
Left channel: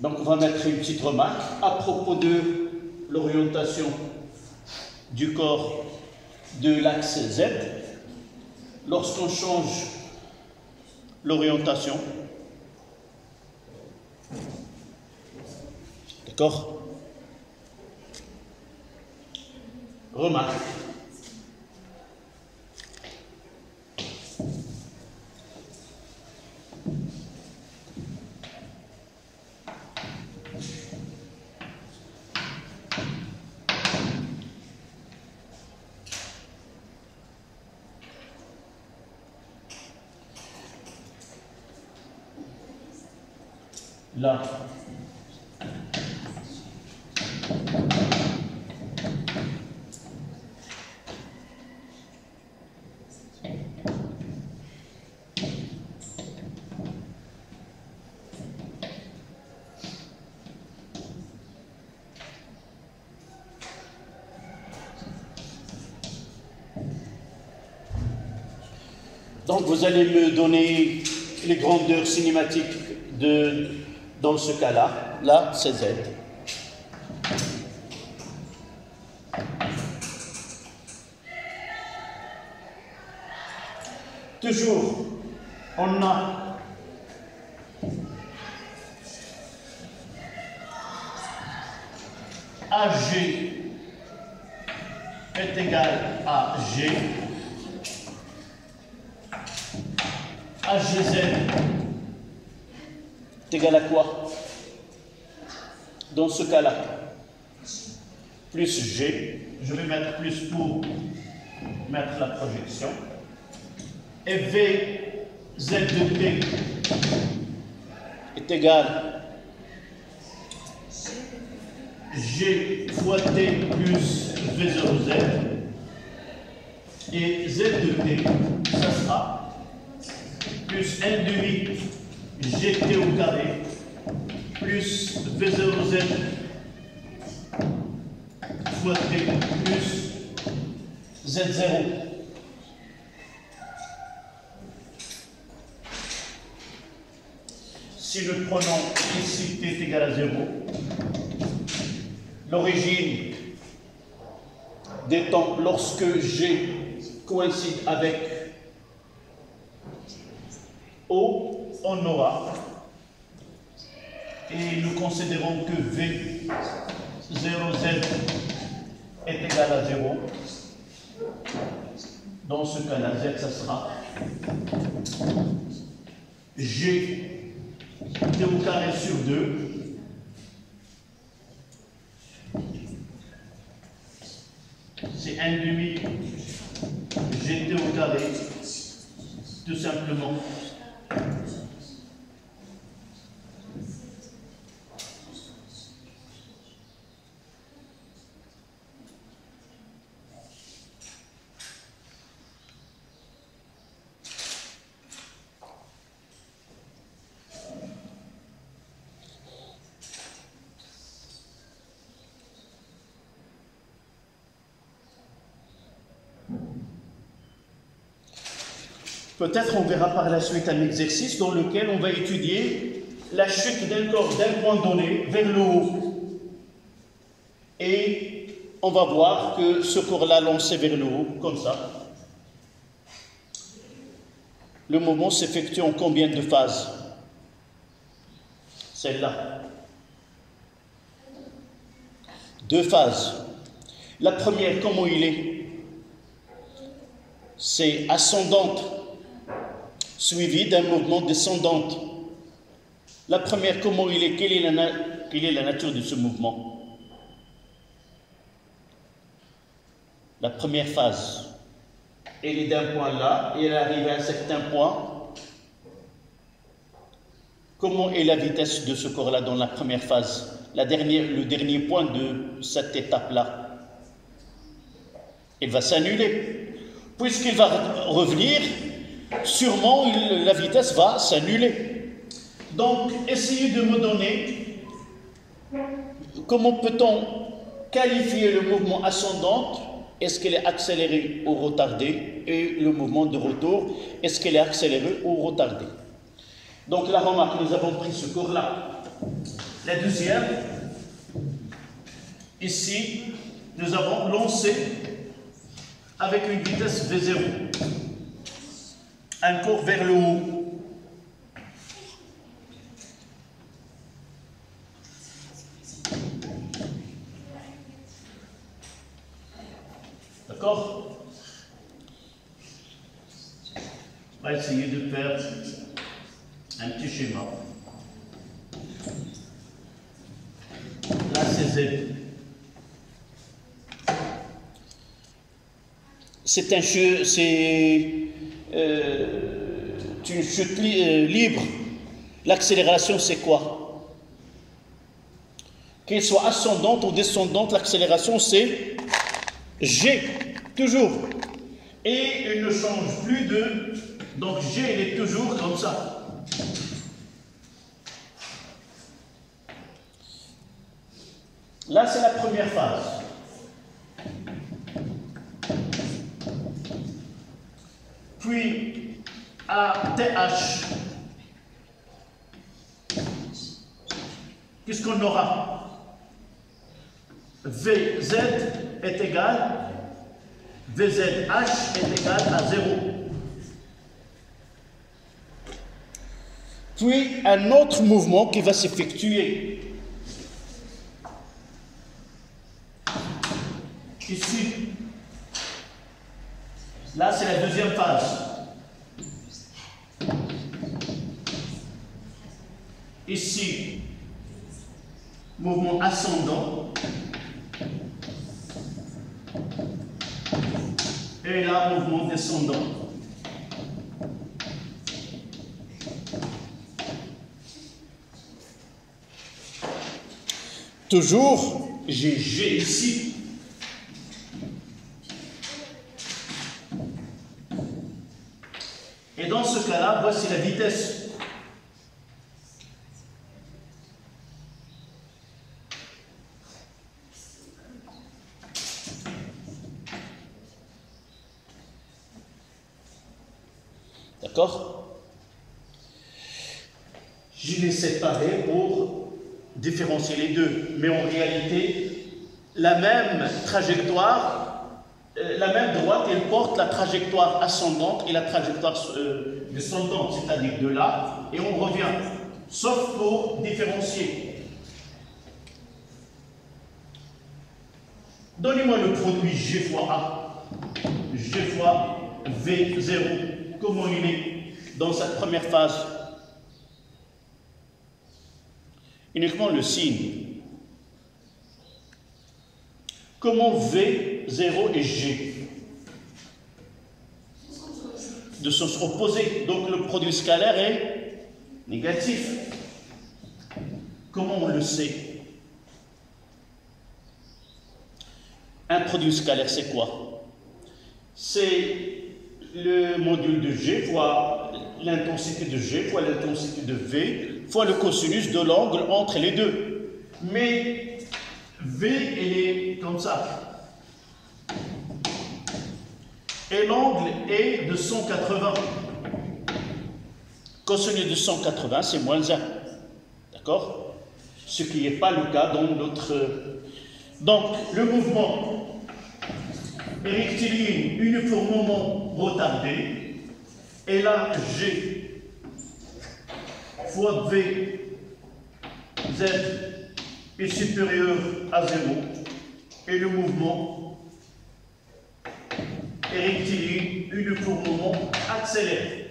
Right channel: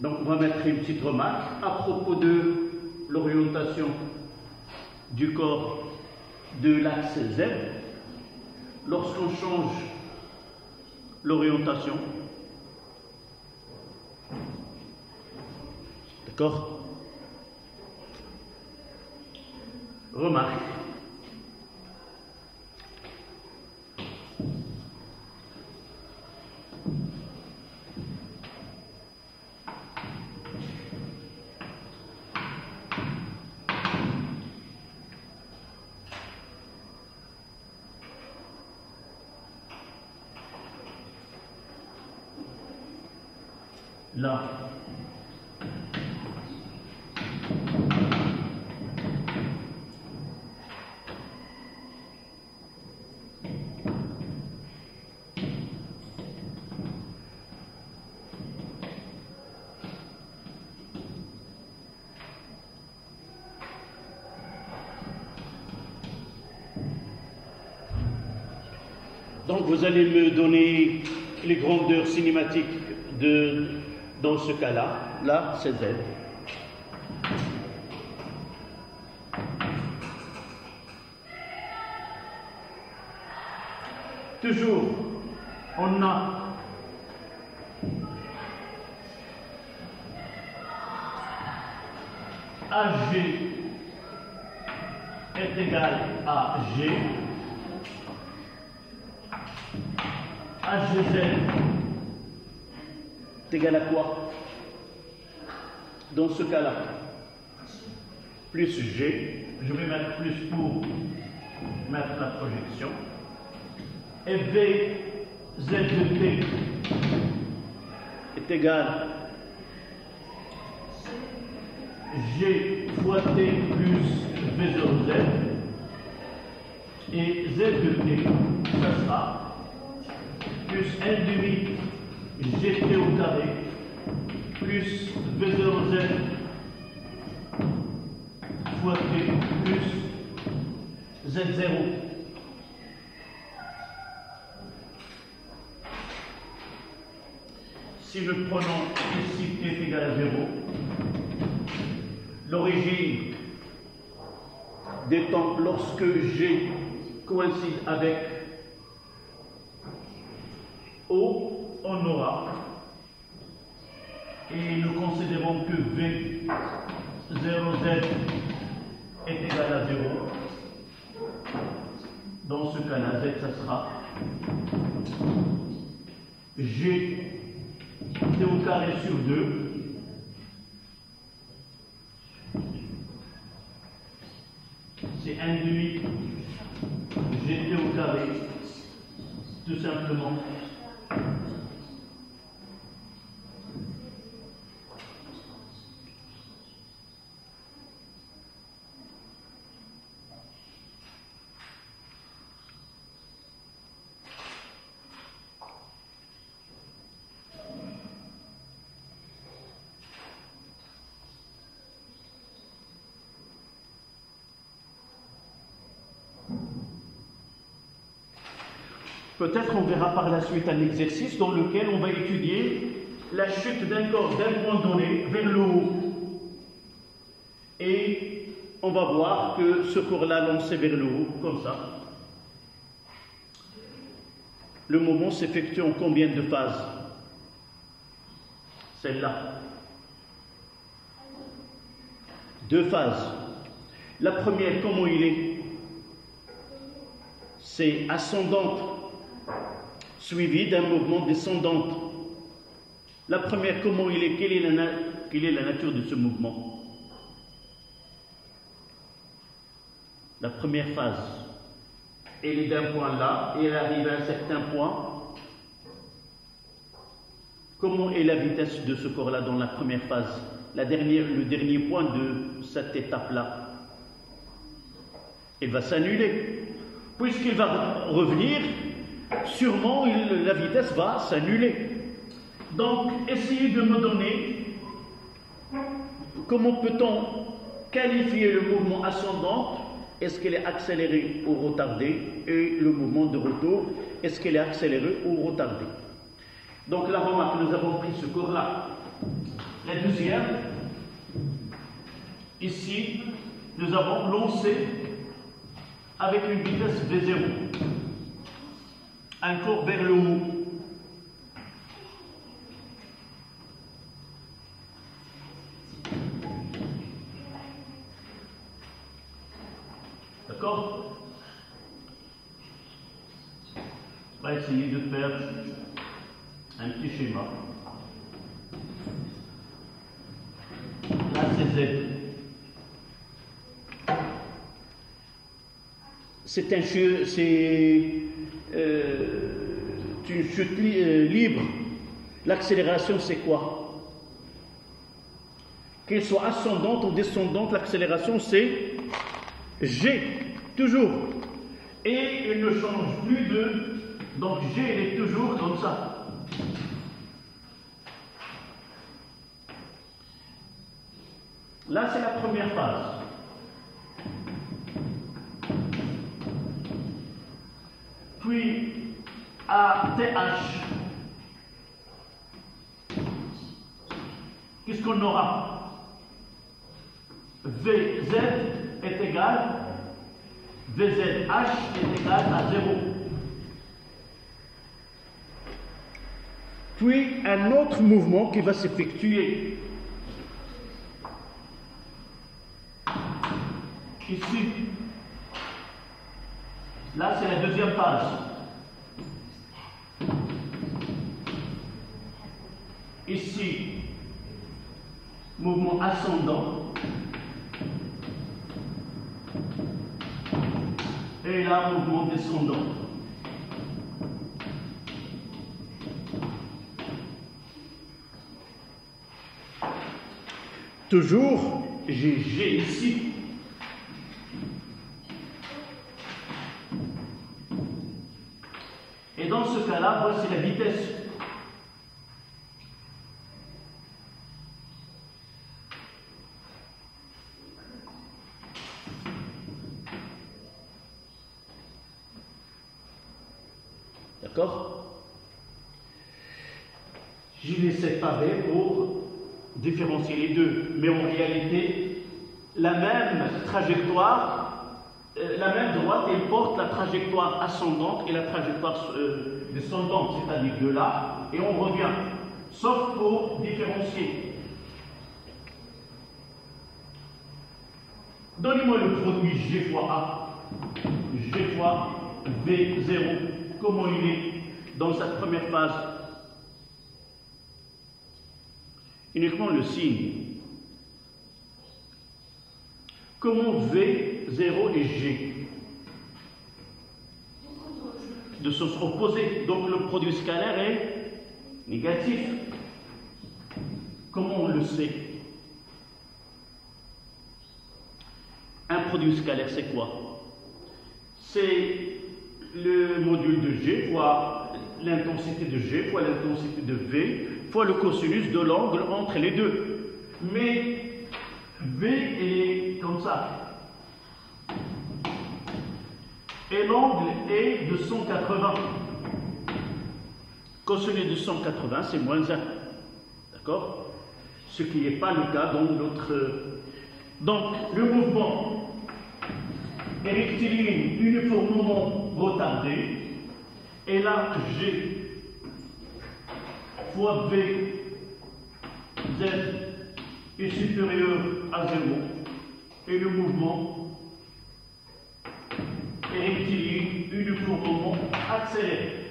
Donc on va mettre une petite remarque à propos de l'orientation du corps de l'axe Z. Lorsqu'on change l'orientation, d'accord? Remarque. Là. Donc vous allez me donner les grandeurs cinématiques dans ce cas-là. Là, c'est Z. Toujours, on a AG est égal AG, HGZ est égal à quoi? Dans ce cas-là, plus G, je vais mettre plus pour mettre la projection, et VZ de P est égal G fois T plus V0Z, et Z de T, ça sera plus 1 demi GT au carré plus V0Z fois T plus Z0. Si nous prenons ici T est égal à 0, l'origine des temps lorsque G coïncide avec O, on aura, et nous considérons que V0Z est égal à 0. Dans ce cas-là, Z, ça sera G T au carré sur 2 c'est 1 demi GT au carré, tout simplement. Peut-être on verra par la suite un exercice dans lequel on va étudier la chute d'un corps d'un point donné vers le haut. Et on va voir que ce corps-là lancé vers le haut, comme ça, le mouvement s'effectue en combien de phases? Celle-là. 2 phases. La première, comment il est? C'est ascendante, suivi d'un mouvement descendante. La première, comment il est? Quelle est la nature de ce mouvement? La première phase, elle est d'un point là, et elle arrive à un certain point. Comment est la vitesse de ce corps-là dans la première phase? Le dernier point de cette étape-là. Il va s'annuler. Puisqu'il va revenir, sûrement la vitesse va s'annuler. Donc, essayez de me donner comment peut-on qualifier le mouvement ascendant. Est-ce qu'elle est accélérée ou retardée? Et le mouvement de retour, est-ce qu'elle est accélérée ou retardée? Donc la remarque, nous avons pris ce corps-là. La deuxième, ici, nous avons lancé avec une vitesse V0. Un corps vers le haut. D'accord? On va essayer de faire un petit schéma. Là, c'est Z. C'est une chute libre. L'accélération, c'est quoi? Qu'elle soit ascendante ou descendante, l'accélération, c'est G, toujours. Et elle ne change plus de... Donc G, elle est toujours comme ça. Là, c'est la première phase. Puis, à TH, qu'est-ce qu'on aura? VZ est égal, VZH est égal à 0. Puis, un autre mouvement qui va s'effectuer ici. Là, c'est la deuxième phase. Ici, mouvement ascendant. Et là, mouvement descendant. Toujours, j'ai G ici. Et dans ce cas-là, voici la vitesse. D'accord? Je les séparer pour différencier les deux. Mais en réalité, la même trajectoire, la même droite, elle porte la trajectoire ascendante et la trajectoire descendante, c'est-à-dire de là, et on revient. Sauf pour différencier. Donnez-moi le produit G fois A. G fois V0. Comment il est dans cette première phase? Uniquement le signe. Comment V0 et G? De sens opposé. Donc le produit scalaire est négatif. Comment on le sait? Un produit scalaire, c'est quoi? C'est le module de G fois l'intensité de G fois l'intensité de V fois le cosinus de l'angle entre les deux. Mais V est comme ça. Et l'angle est de 180. Cosinus de 180, c'est moins 1. D'accord? Ce qui n'est pas le cas dans notre... Donc, le mouvement est rectiligne uniformément retardé. Et là, G fois V, Z est supérieur à 0. Et le mouvement est rectiligne uniformément accéléré.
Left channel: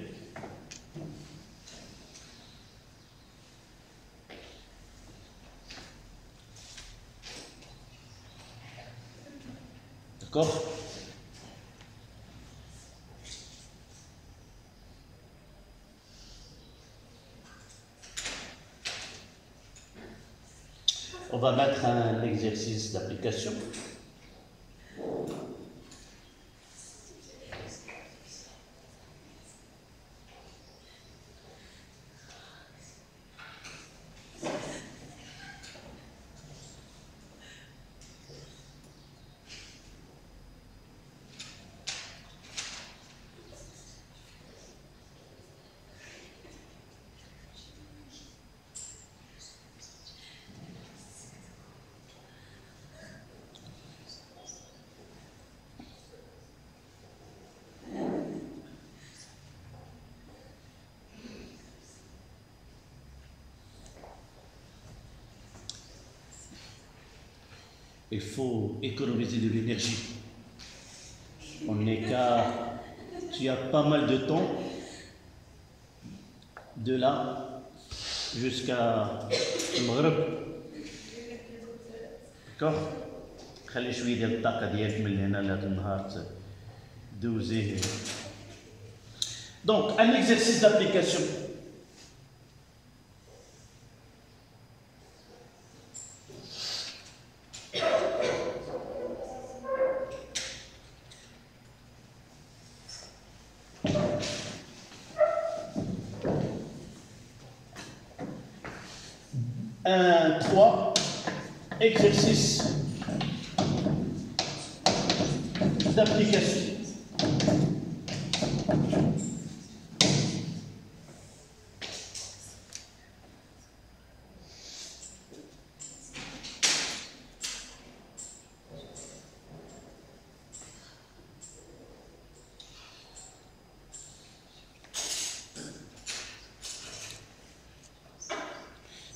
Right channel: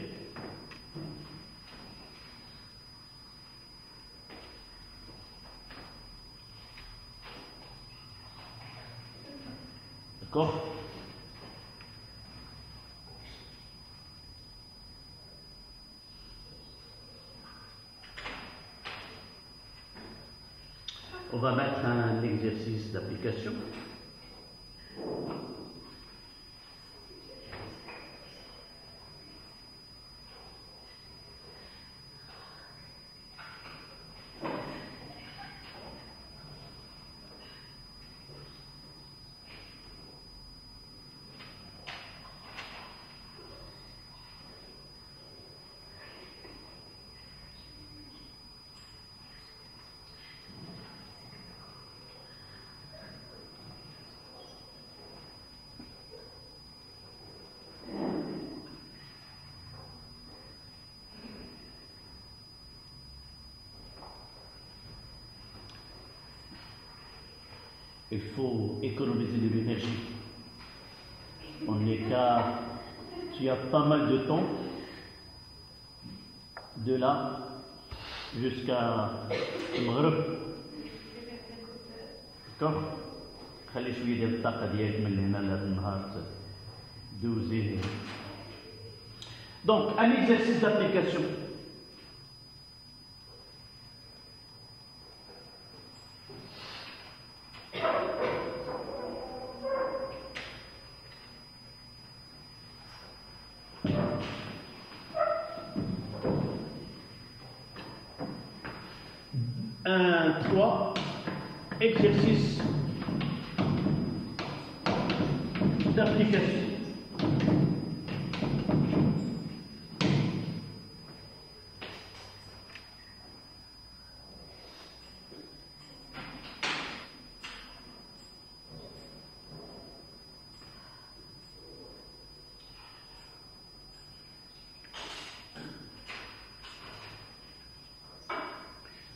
D'accord? On va mettre un exercice d'application. Il faut économiser de l'énergie. On est qu'à... Tu as pas mal de temps de là jusqu'à المغرب. D'accord? خلي شوية ديال الطاقة ديالك من هنا لهذا النهار دوزيه. Donc, un exercice d'application. Un 3, exercice d'application.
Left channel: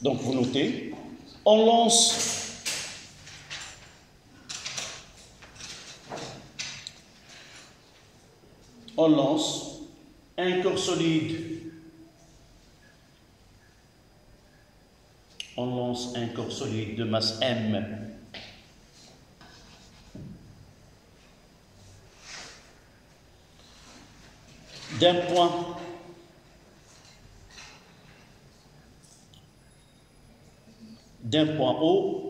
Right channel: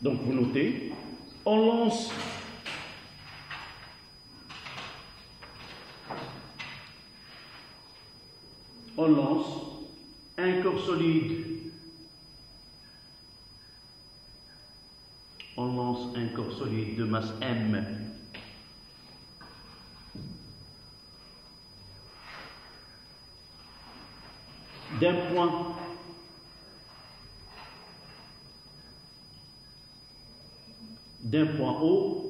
Donc vous notez, on lance on lance un corps solide. On lance un corps solide de masse M d'un point O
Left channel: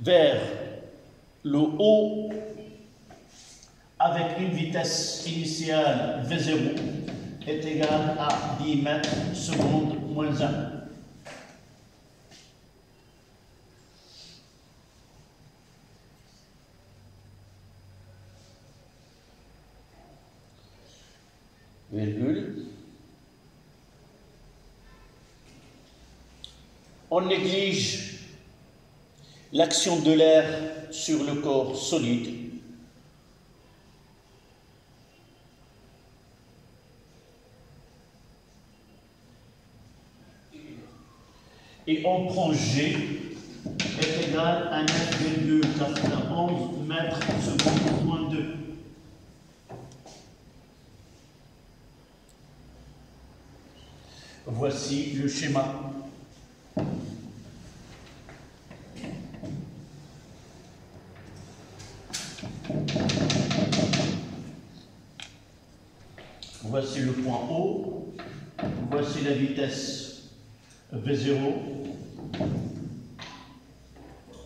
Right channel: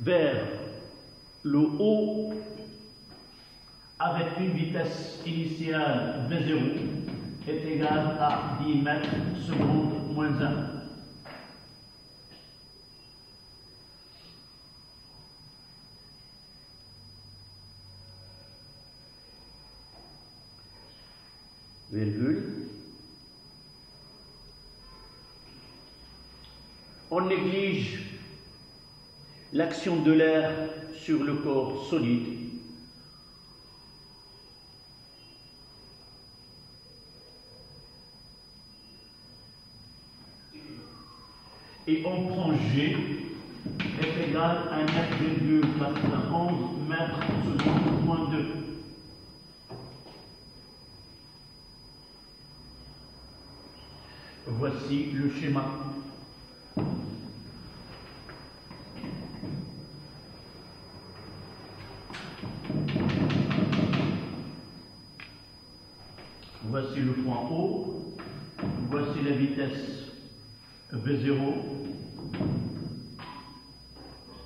vers le haut avec une vitesse initiale V0 est égale à 10 mètres secondes moins 1. Virgule. On néglige l'action de l'air sur le corps solide. Et on prend G est égal à 9,91 mètres secondes moins 2. Voici le schéma. Voici le point O. Voici la vitesse V0.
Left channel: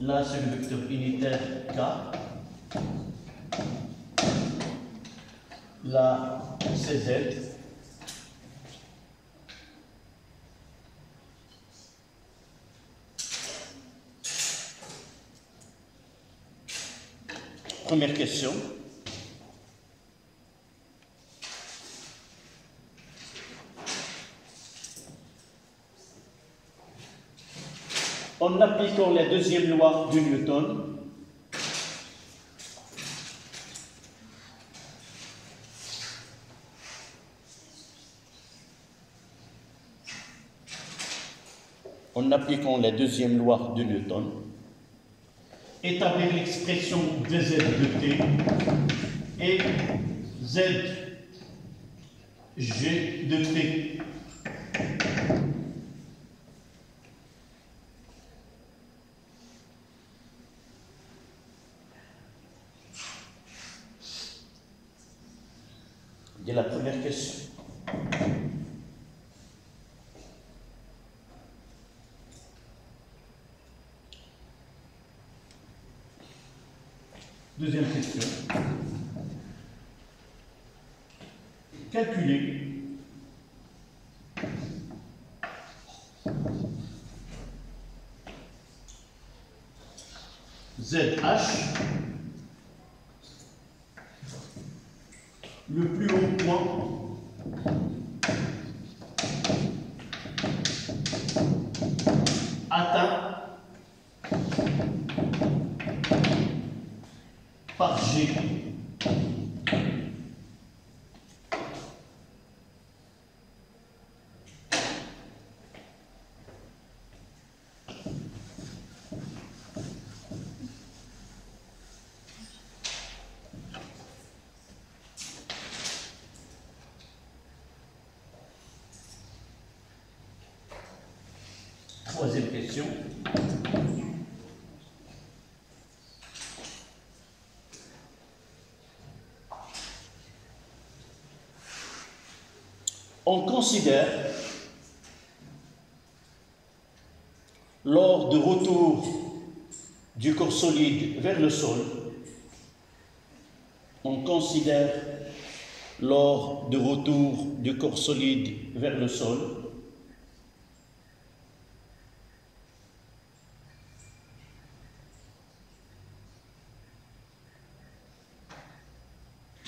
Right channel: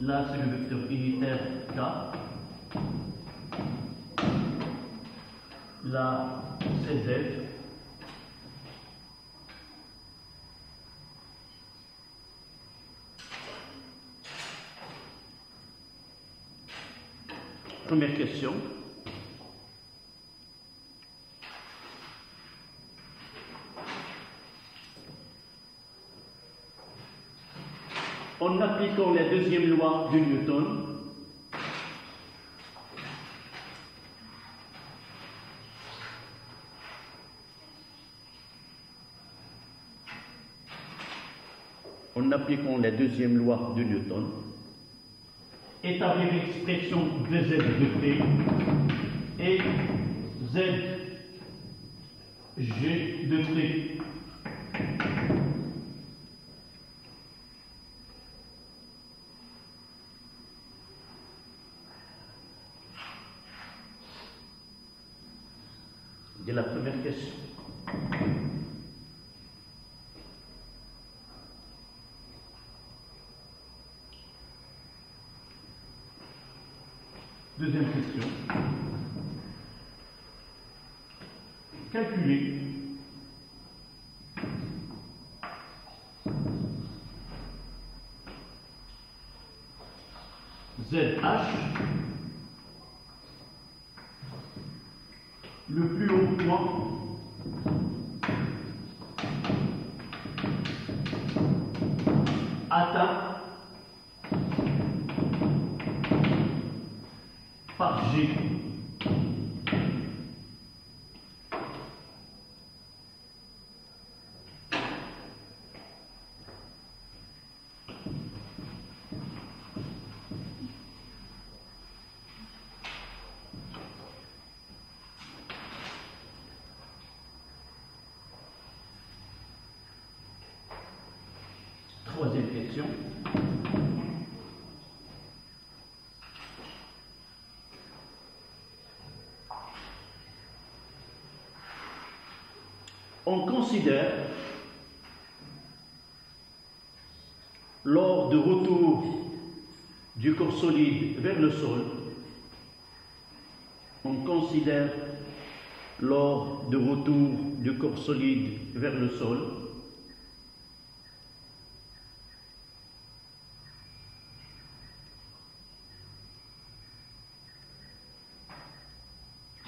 Là, c'est le vecteur unitaire K. Là, c'est Z. Première question. En appliquant la deuxième loi de Newton, établir l'expression dz de t et zg de t. C'est la première question. Deuxième question. Calculer ZH, le plus haut point atteint par G. Troisième question. On considère, lors de retour du corps solide vers le sol,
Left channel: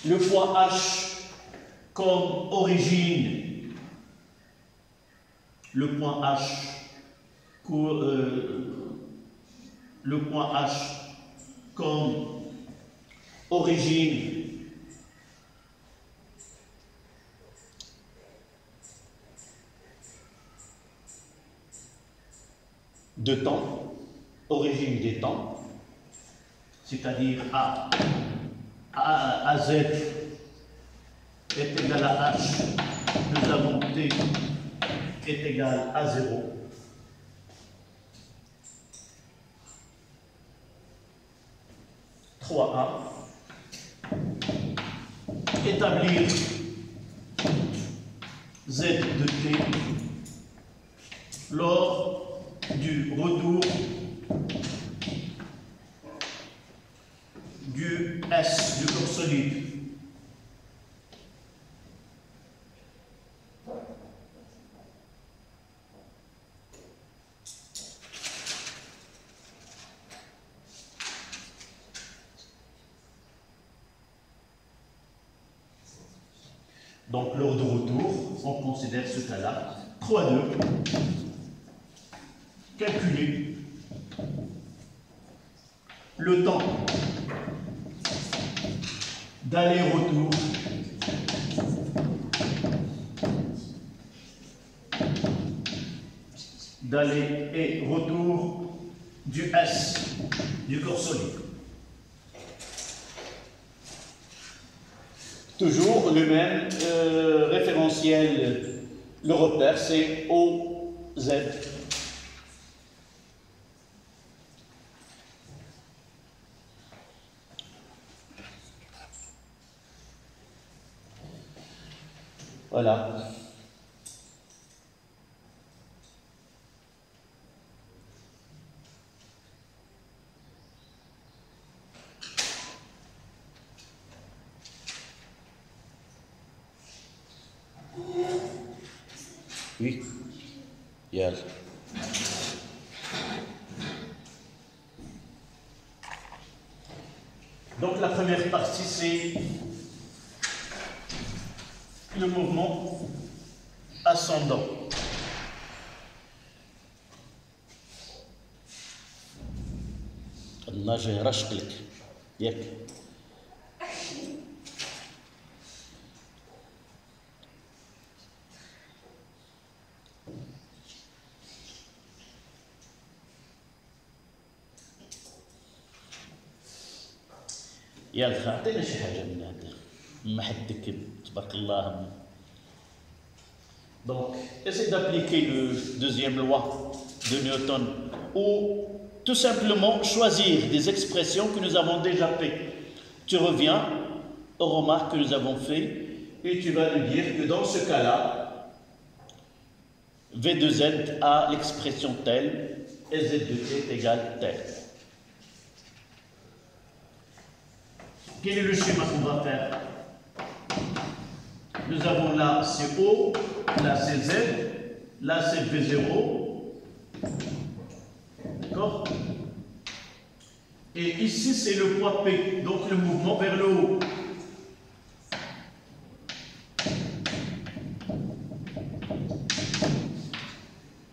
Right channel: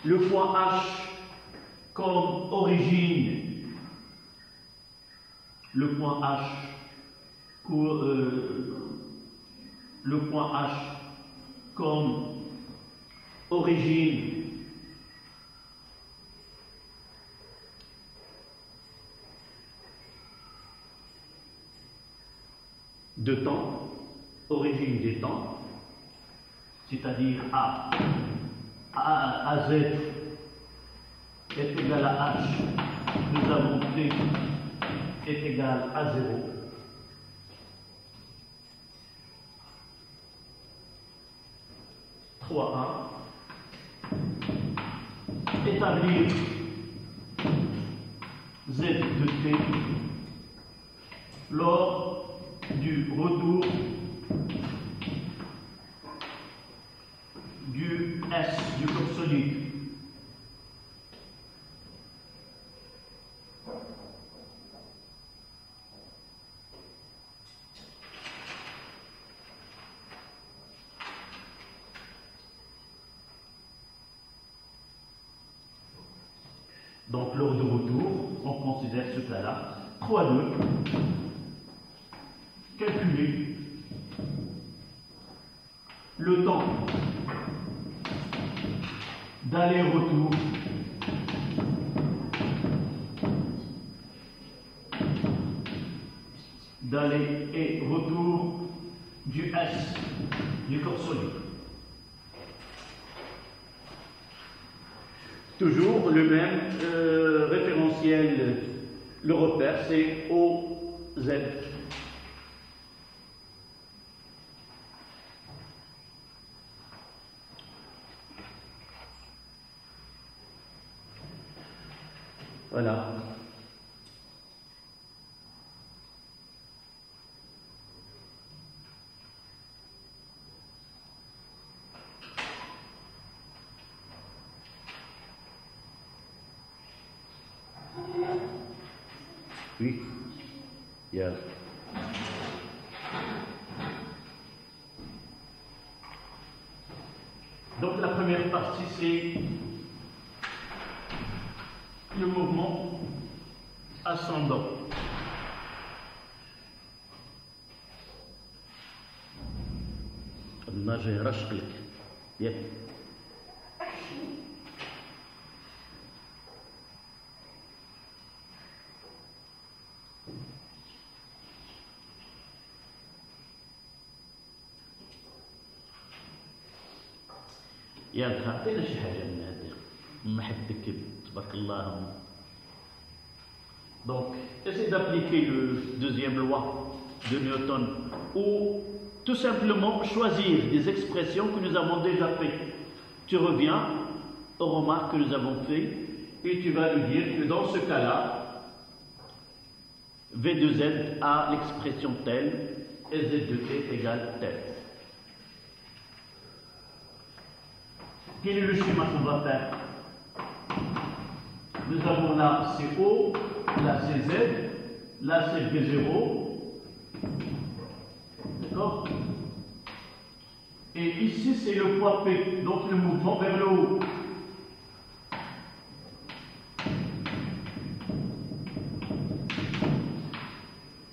le point H comme origine, le point H comme origine de temps, origine des temps, c'est-à-dire AZ est égal à H, nous avons T est égal à 0. Établir Z de T lors du retour du S du corps solide. Donc, lors de retour, on considère ce cas-là. 3,2. Calculer le temps d'aller-retour d'aller et retour du S du corps solide. Toujours le même référentiel, le repère c'est OZ. Voilà. Oui. Yes. Donc la première partie c'est le mouvement ascendant. الناجي رشقلك ياك يلا اعطينا شي حاجه من هذا ما حدك تبارك الله. Donc essaie d'appliquer le deuxième loi de Newton ou tout simplement choisir des expressions que nous avons déjà faites. Tu reviens aux remarques que nous avons faites et tu vas nous dire que dans ce cas-là, V de Z a l'expression telle et Z de T est égal telle. Quel est le schéma qu'on va faire? Nous avons là c'est O, là c'est Z, là c'est V0. D'accord? Et ici c'est le poids P, donc le mouvement vers le haut.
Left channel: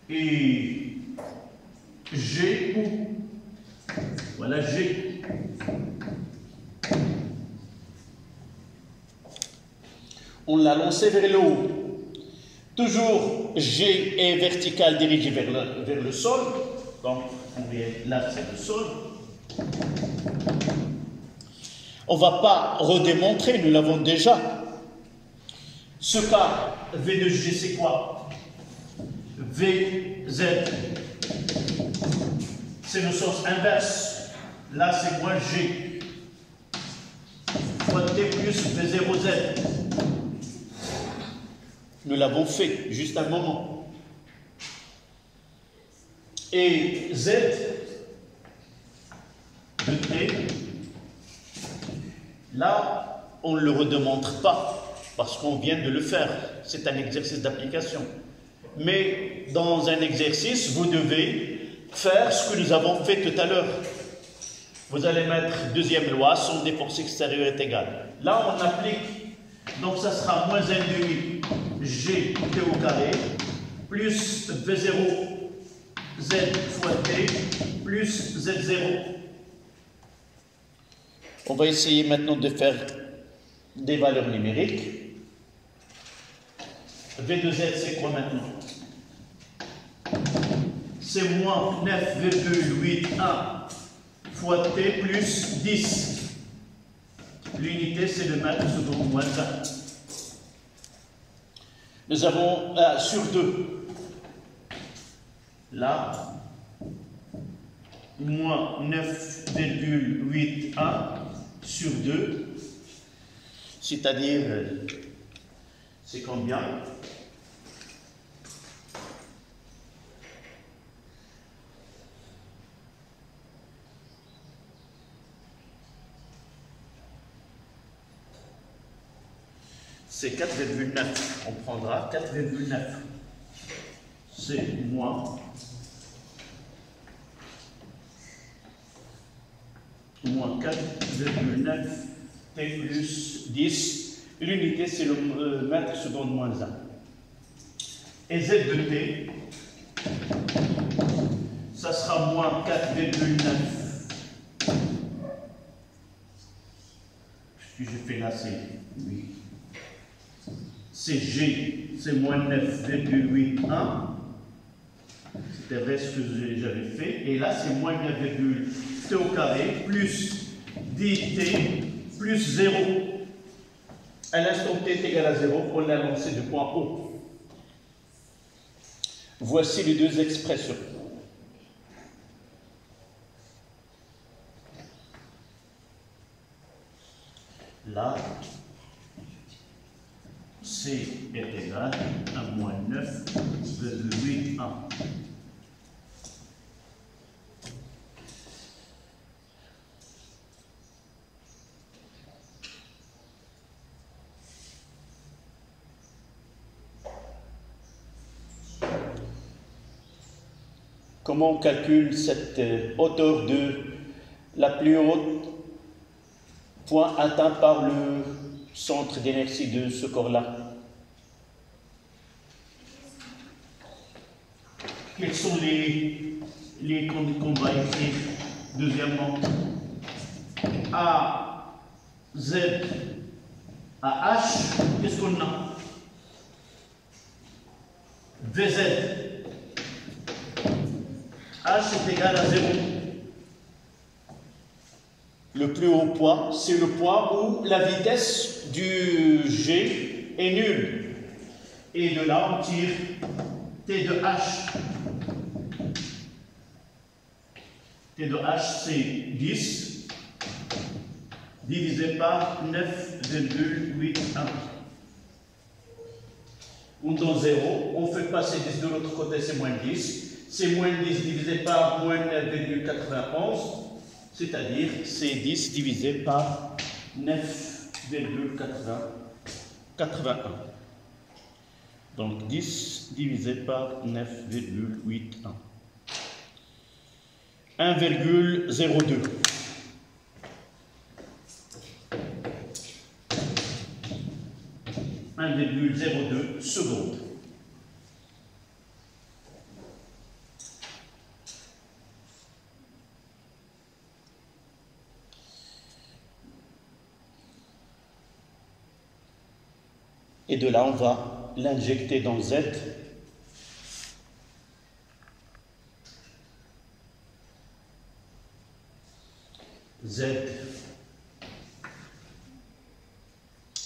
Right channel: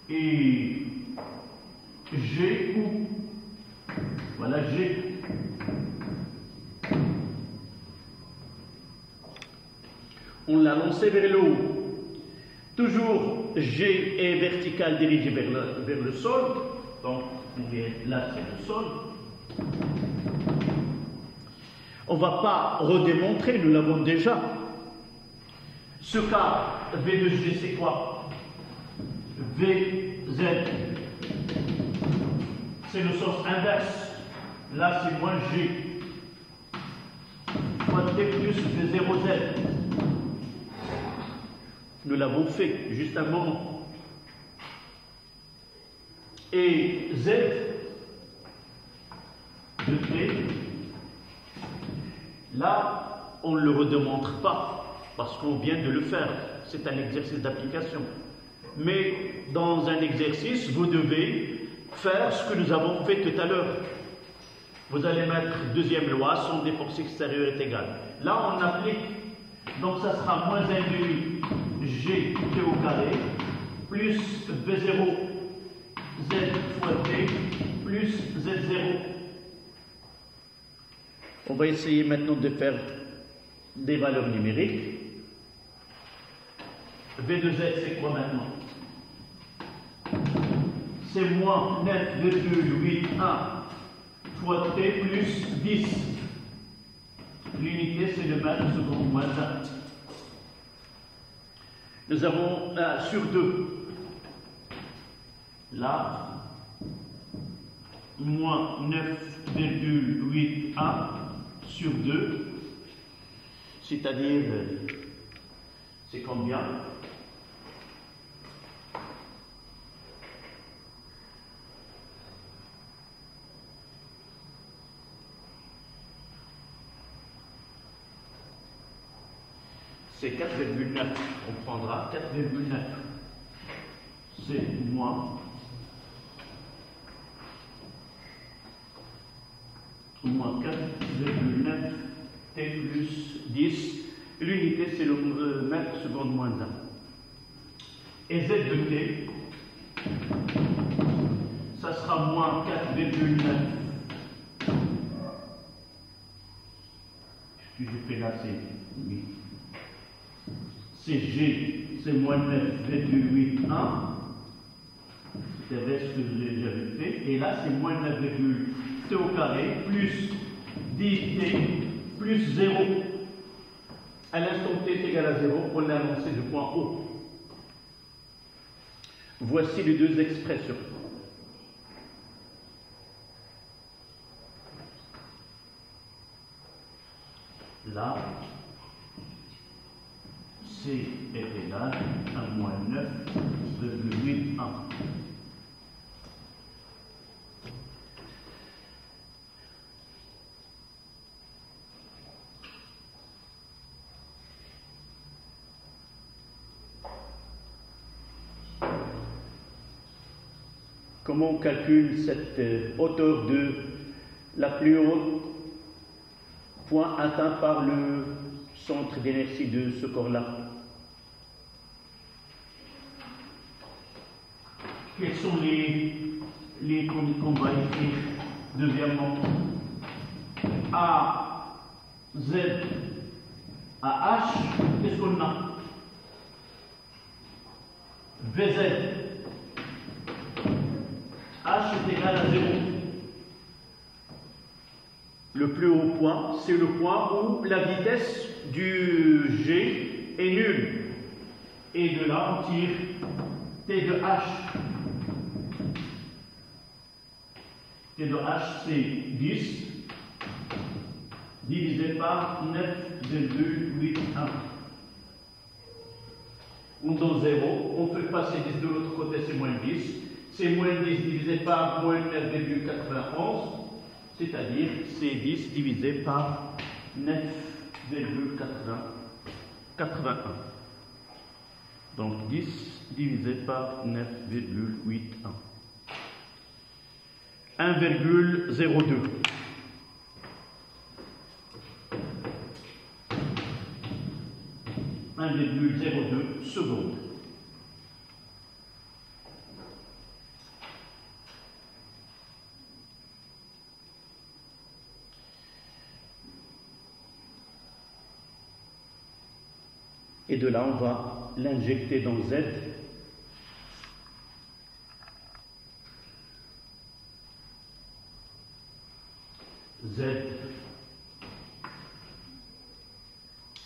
Et G où? Voilà G. On l'a lancé vers le haut. Toujours G est vertical dirigé vers le sol. Donc, là, c'est le sol. On ne va pas redémontrer, nous l'avons déjà. Ce cas, V de G, c'est quoi? VZ, c'est le sens inverse. Là, c'est moins G. Fois T plus V0Z. Nous l'avons fait juste un moment. Et Z de T, là, on ne le redémontre pas parce qu'on vient de le faire. C'est un exercice d'application. Mais dans un exercice, vous devez faire ce que nous avons fait tout à l'heure. Vous allez mettre deuxième loi, somme des forces extérieures est égale. Là, on applique. Donc, ça sera moins 1,5 G T au carré plus V0 Z fois T plus Z0. On va essayer maintenant de faire des valeurs numériques. V de Z, c'est quoi maintenant? C'est moins 9,81 fois t plus 10. L'unité, c'est le mètre seconde moins 1. Nous avons sur 2. Là, moins 9,8A sur 2, c'est-à-dire, c'est combien? C'est 4,9. On prendra 4,9. C'est moins 4,9 t plus 10. L'unité, c'est le mètre seconde moins 1. Et z de t, ça sera moins 4,9. Ce que j'ai fait là, c'est 8. C'est G, c'est moins 9,81. C'était vrai ce que j'avais fait. Et là, c'est moins 9,t au carré plus 10t plus 0. À l'instant t est égal à 0, on l'a lancé du point haut. Voici les deux expressions. Là, C est égal à moins 9,81. Comment on calcule cette hauteur de la plus haute point atteint par le centre d'inertie de ce corps-là? Quels sont les qu'on va écrire? Deuxièmement, A, Z, A, H, qu'est-ce qu'on a? VZ. H est égal à 0. Le plus haut point, c'est le point où la vitesse du G est nulle. Et de là, on tire T de H. T de H, c'est 10 divisé par 9,81. On donne 0, on fait passer 10 de l'autre côté, c'est moins 10. C'est moins 10 divisé par moins 9,91, c'est-à-dire c'est 10 divisé par 9,81. Donc 10 divisé par 9,81. 1,02. « 1,02 secondes. Et de là, on va l'injecter dans Z. Z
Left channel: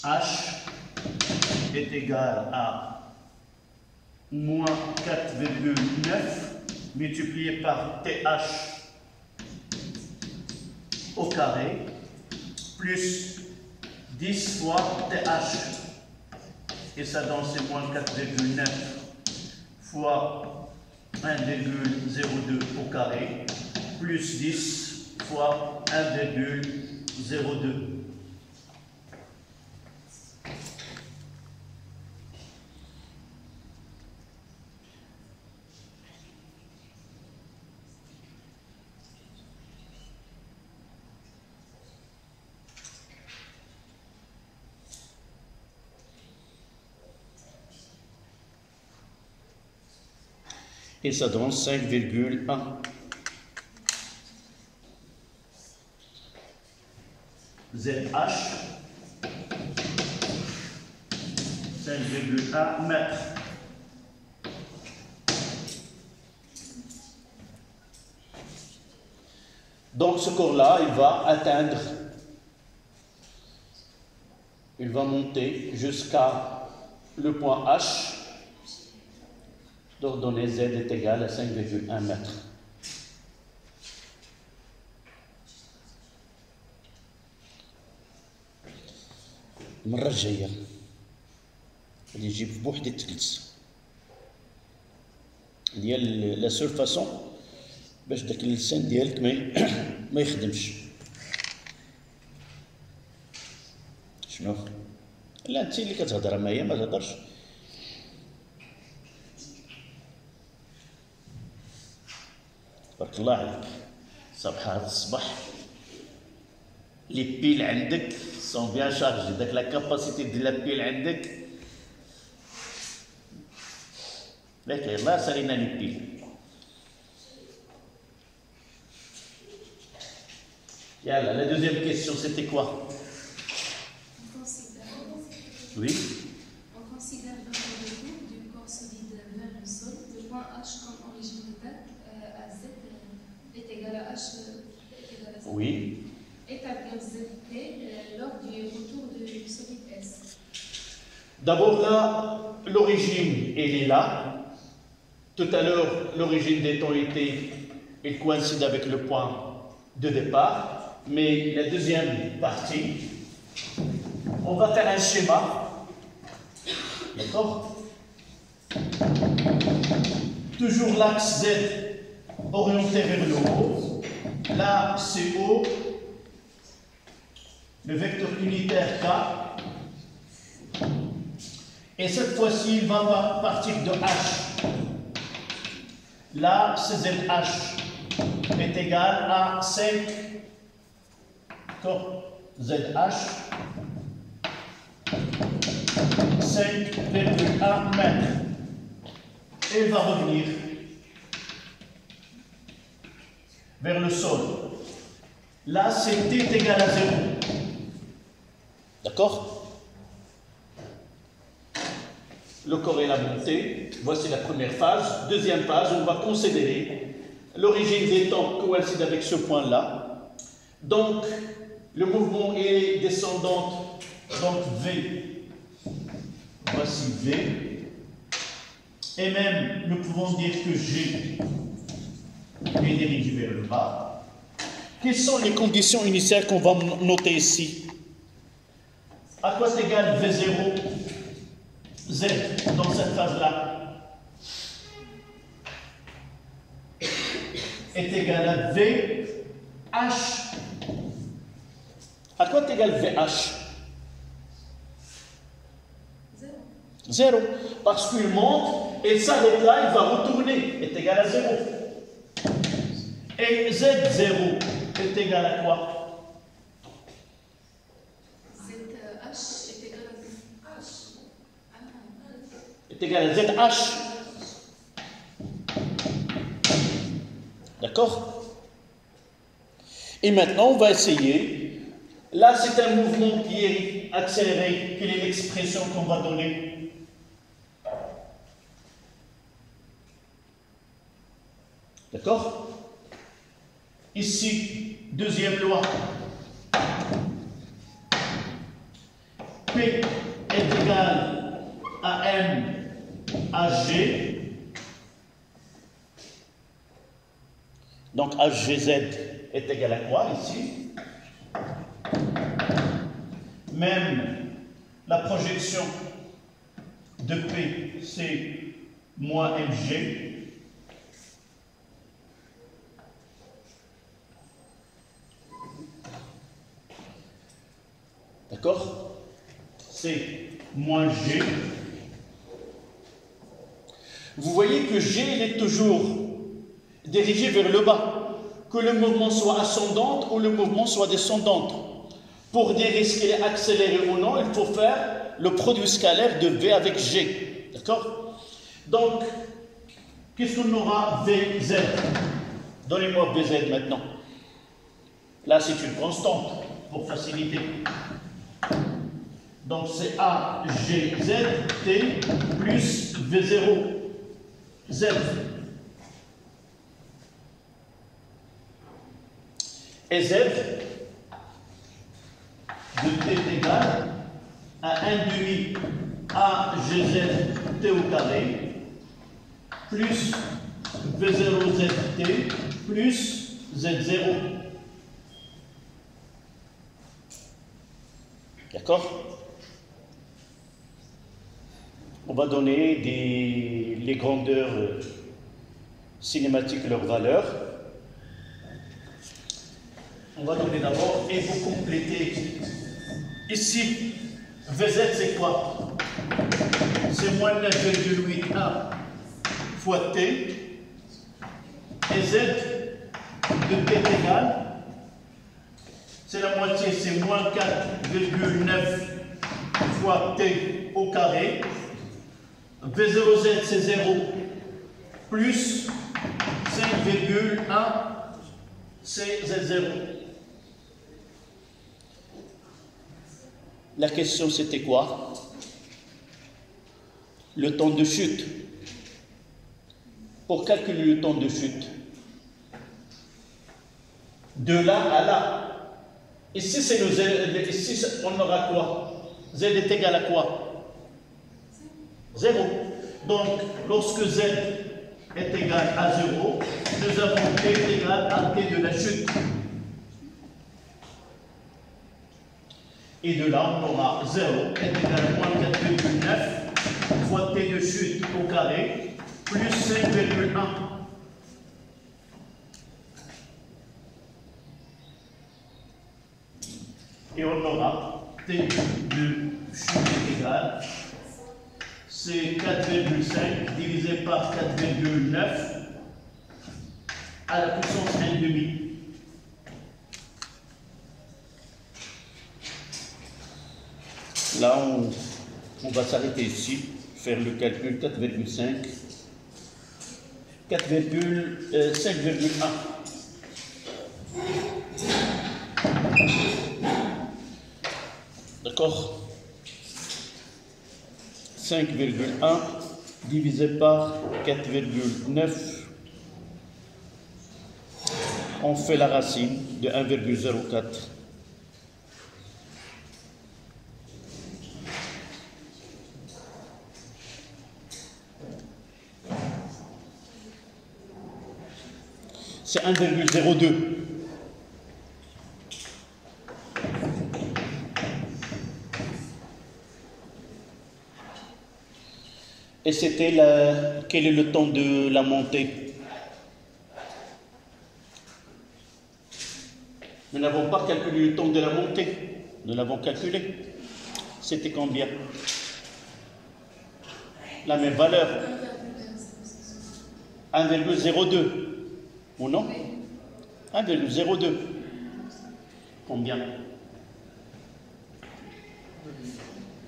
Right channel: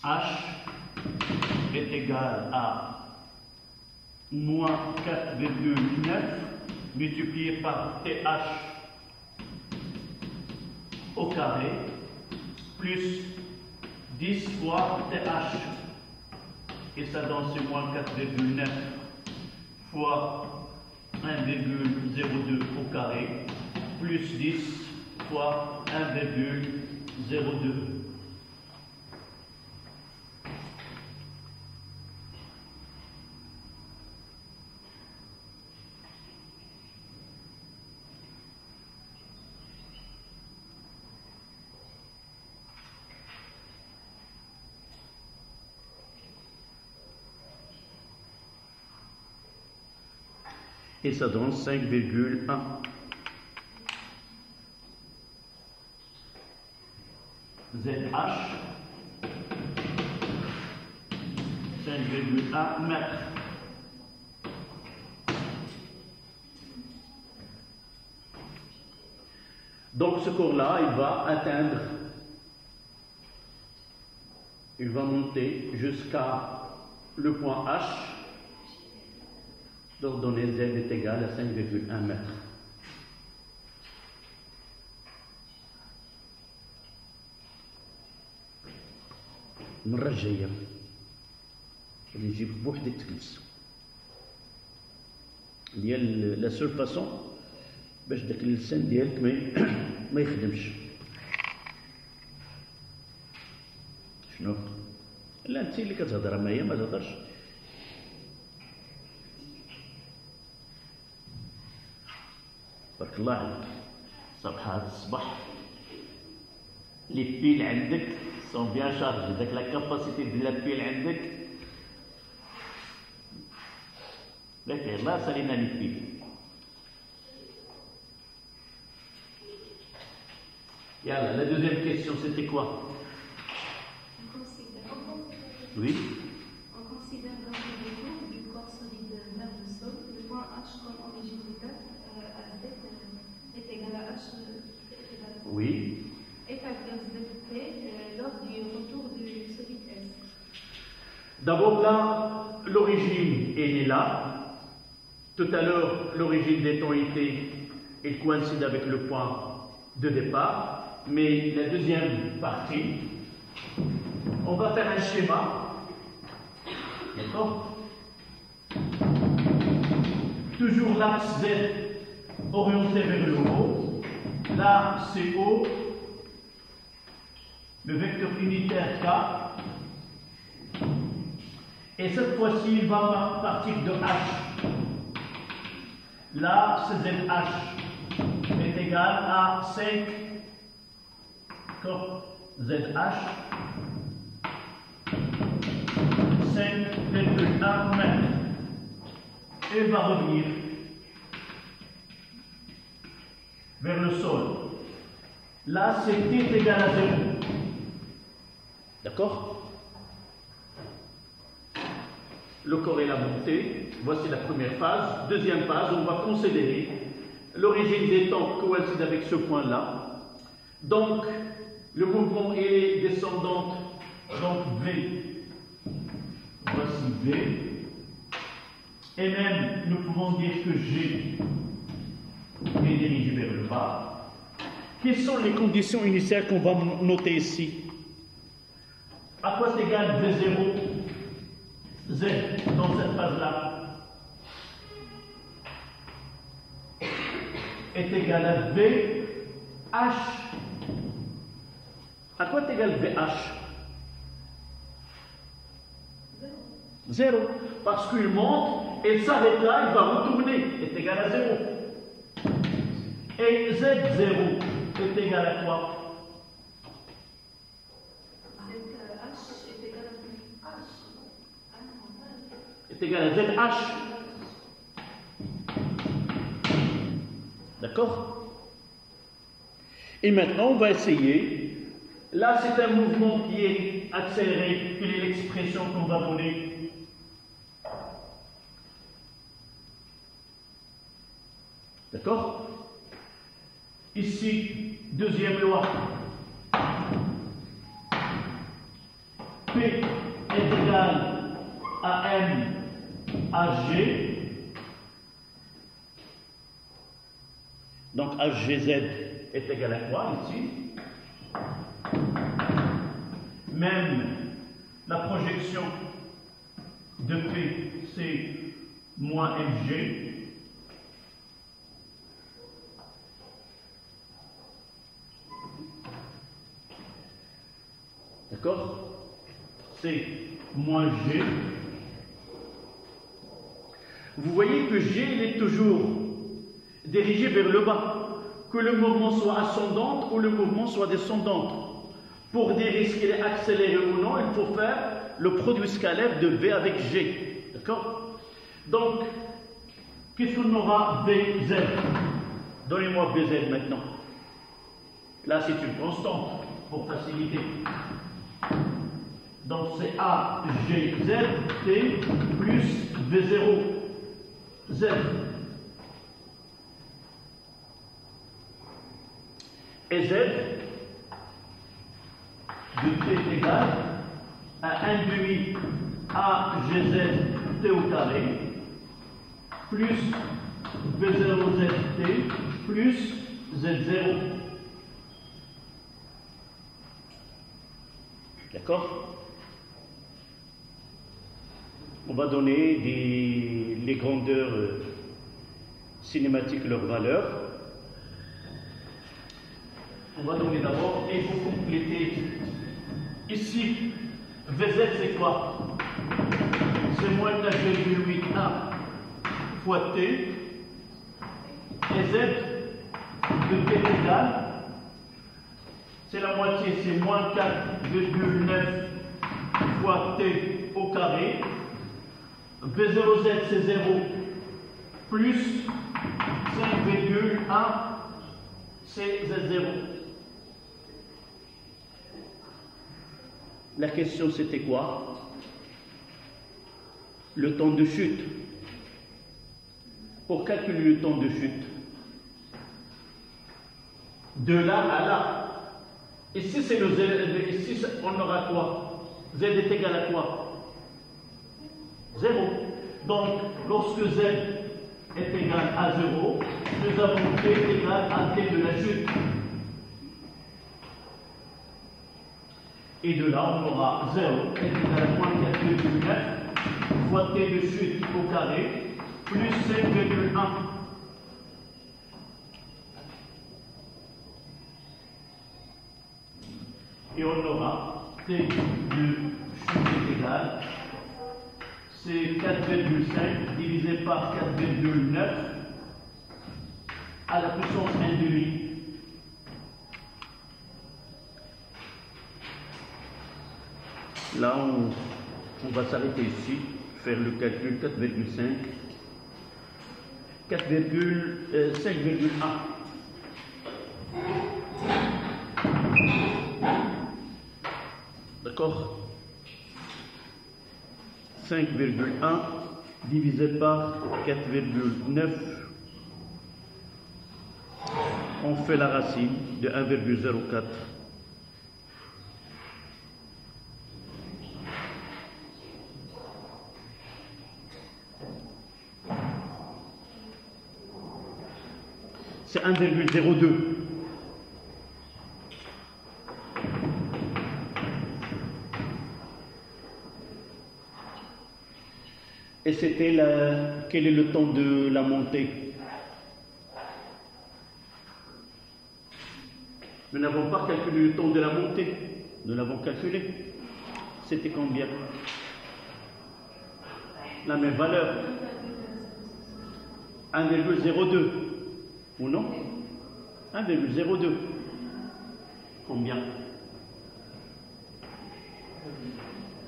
H est égal à moins 4,9 multiplié par TH au carré plus 10 fois TH. Et ça donne c'est moins 4,9 fois 1,02 au carré plus 10 fois 1,02. Et ça donne 5,1. ZH, 5,1 mètres. Donc ce corps-là, il va atteindre, il va monter jusqu'à le point H, d'ordonnée Z est égal à 5,1 mètres. المرة الجاية اللي يجيب بوحدة تجلس ديال لا سول فاسون باش داك اللسان ديالك ما يخدمش. شنو؟ لا انت اللي كتهضر معايا ما تهضرش. بارك الله عليك. صباح هذا الصباح لي بيل عندك سون بيان شارجي، داك لا كاباسيتي ديال لا بيل عندك لك يلاه سالينا لي بيل. Yalla, la deuxième question, c'était quoi? Oui. On considère vraiment le cours du corps solide vers le sol. Le point H comme origine de date à Z est égal à H est égal à Z. Oui. Établir ZT lors du retour du solide S. D'abord là, l'origine, elle est là. Tout à l'heure, l'origine des temps était, elle coïncide avec le point de départ. Mais la deuxième partie, on va faire un schéma, d'accord? Toujours l'axe Z orienté vers le haut, là c'est O, le vecteur unitaire K, et cette fois-ci il va partir de H. Là c'est ZH est égal à 5. ZH 5,1 mètres. Et va revenir vers le sol. Là, c'est T est égal à 0. D'accord? Le corps est la montée. Voici la première phase. Deuxième phase, on va considérer l'origine des temps coïncide avec ce point-là. Donc, le mouvement est descendant, donc V, voici V, et même nous pouvons dire que G est dirigé vers le bas. Quelles sont les conditions initiales qu'on va noter ici? À quoi est égal V0, Z dans cette phase-là? Est égal à VH. À quoi est égal VH? 0. Parce qu'il monte, et s'arrête là, il va retourner, est égal à 0. Et Z0 est égal à quoi? ZH est égal à H. Est égal à ZH. D'accord? Et maintenant, on va essayer. Là, c'est un mouvement qui est accéléré. Quelle est l'expression qu'on va donner? D'accord? Ici, deuxième loi. P est égal à M à G. Donc, HGZ est égal à quoi ici? Même la projection de P, c'est moins mg. D'accord? C'est moins g. Vous voyez que g il est toujours dirigé vers le bas, que le mouvement soit ascendant ou le mouvement soit descendant. Pour dire est-ce qu'il est accéléré ou non, il faut faire le produit scalaire de V avec G. D'accord? Donc, qu'est-ce qu'on aura? VZ. Donnez-moi VZ maintenant. Là, c'est une constante pour faciliter. Donc, c'est AGZ T plus V0 Z. Et z de t est égal à 1 demi a gz t au carré plus v0 zt plus z0. D'accord? On va donner les grandeurs cinématiques, leurs valeurs. On va donner d'abord, et vous complétez. Ici, Vz c'est quoi? C'est moins 9,81 fois t. Et z de t est égal, c'est la moitié, c'est moins 4,9 fois t au carré. V0z c'est 0 plus 5,1 c'est z0. La question c'était quoi? Le temps de chute. Pour calculer le temps de chute, de là à là. Ici c'est le z, ici on aura quoi? Z est égal à quoi? 0. Donc lorsque z est égal à 0, nous avons t égal à t de la chute. Et de là, on aura 0 est égal à moins 4,9 fois t de chute au carré plus 5,1. Et on aura t de chute égal, c'est 4,5 divisé par 4,9 à la puissance 1,5. Là, on va s'arrêter ici, faire le calcul 4,5, 5,1. D'accord? 5,1 divisé par 4,9, on fait la racine de 1,04. C'est 1,02. Et c'était quel est le temps de la montée? Nous n'avons pas calculé le temps de la montée. Nous l'avons calculé. C'était combien? La même valeur. 1,02. Ou non? 1,02. Combien?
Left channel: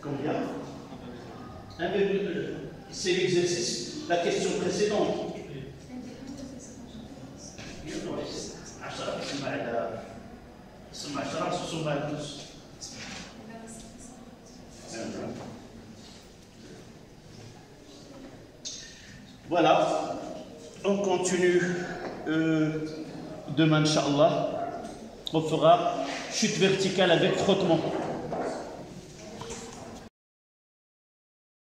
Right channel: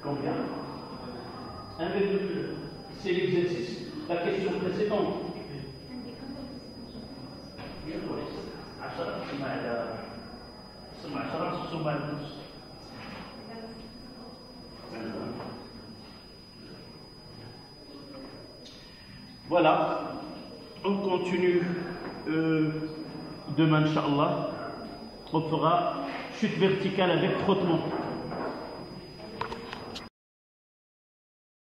Combien? 1,2. C'est l'exercice, la question précédente. Voilà, on continue demain, Inch'Allah. On fera chute verticale avec frottement.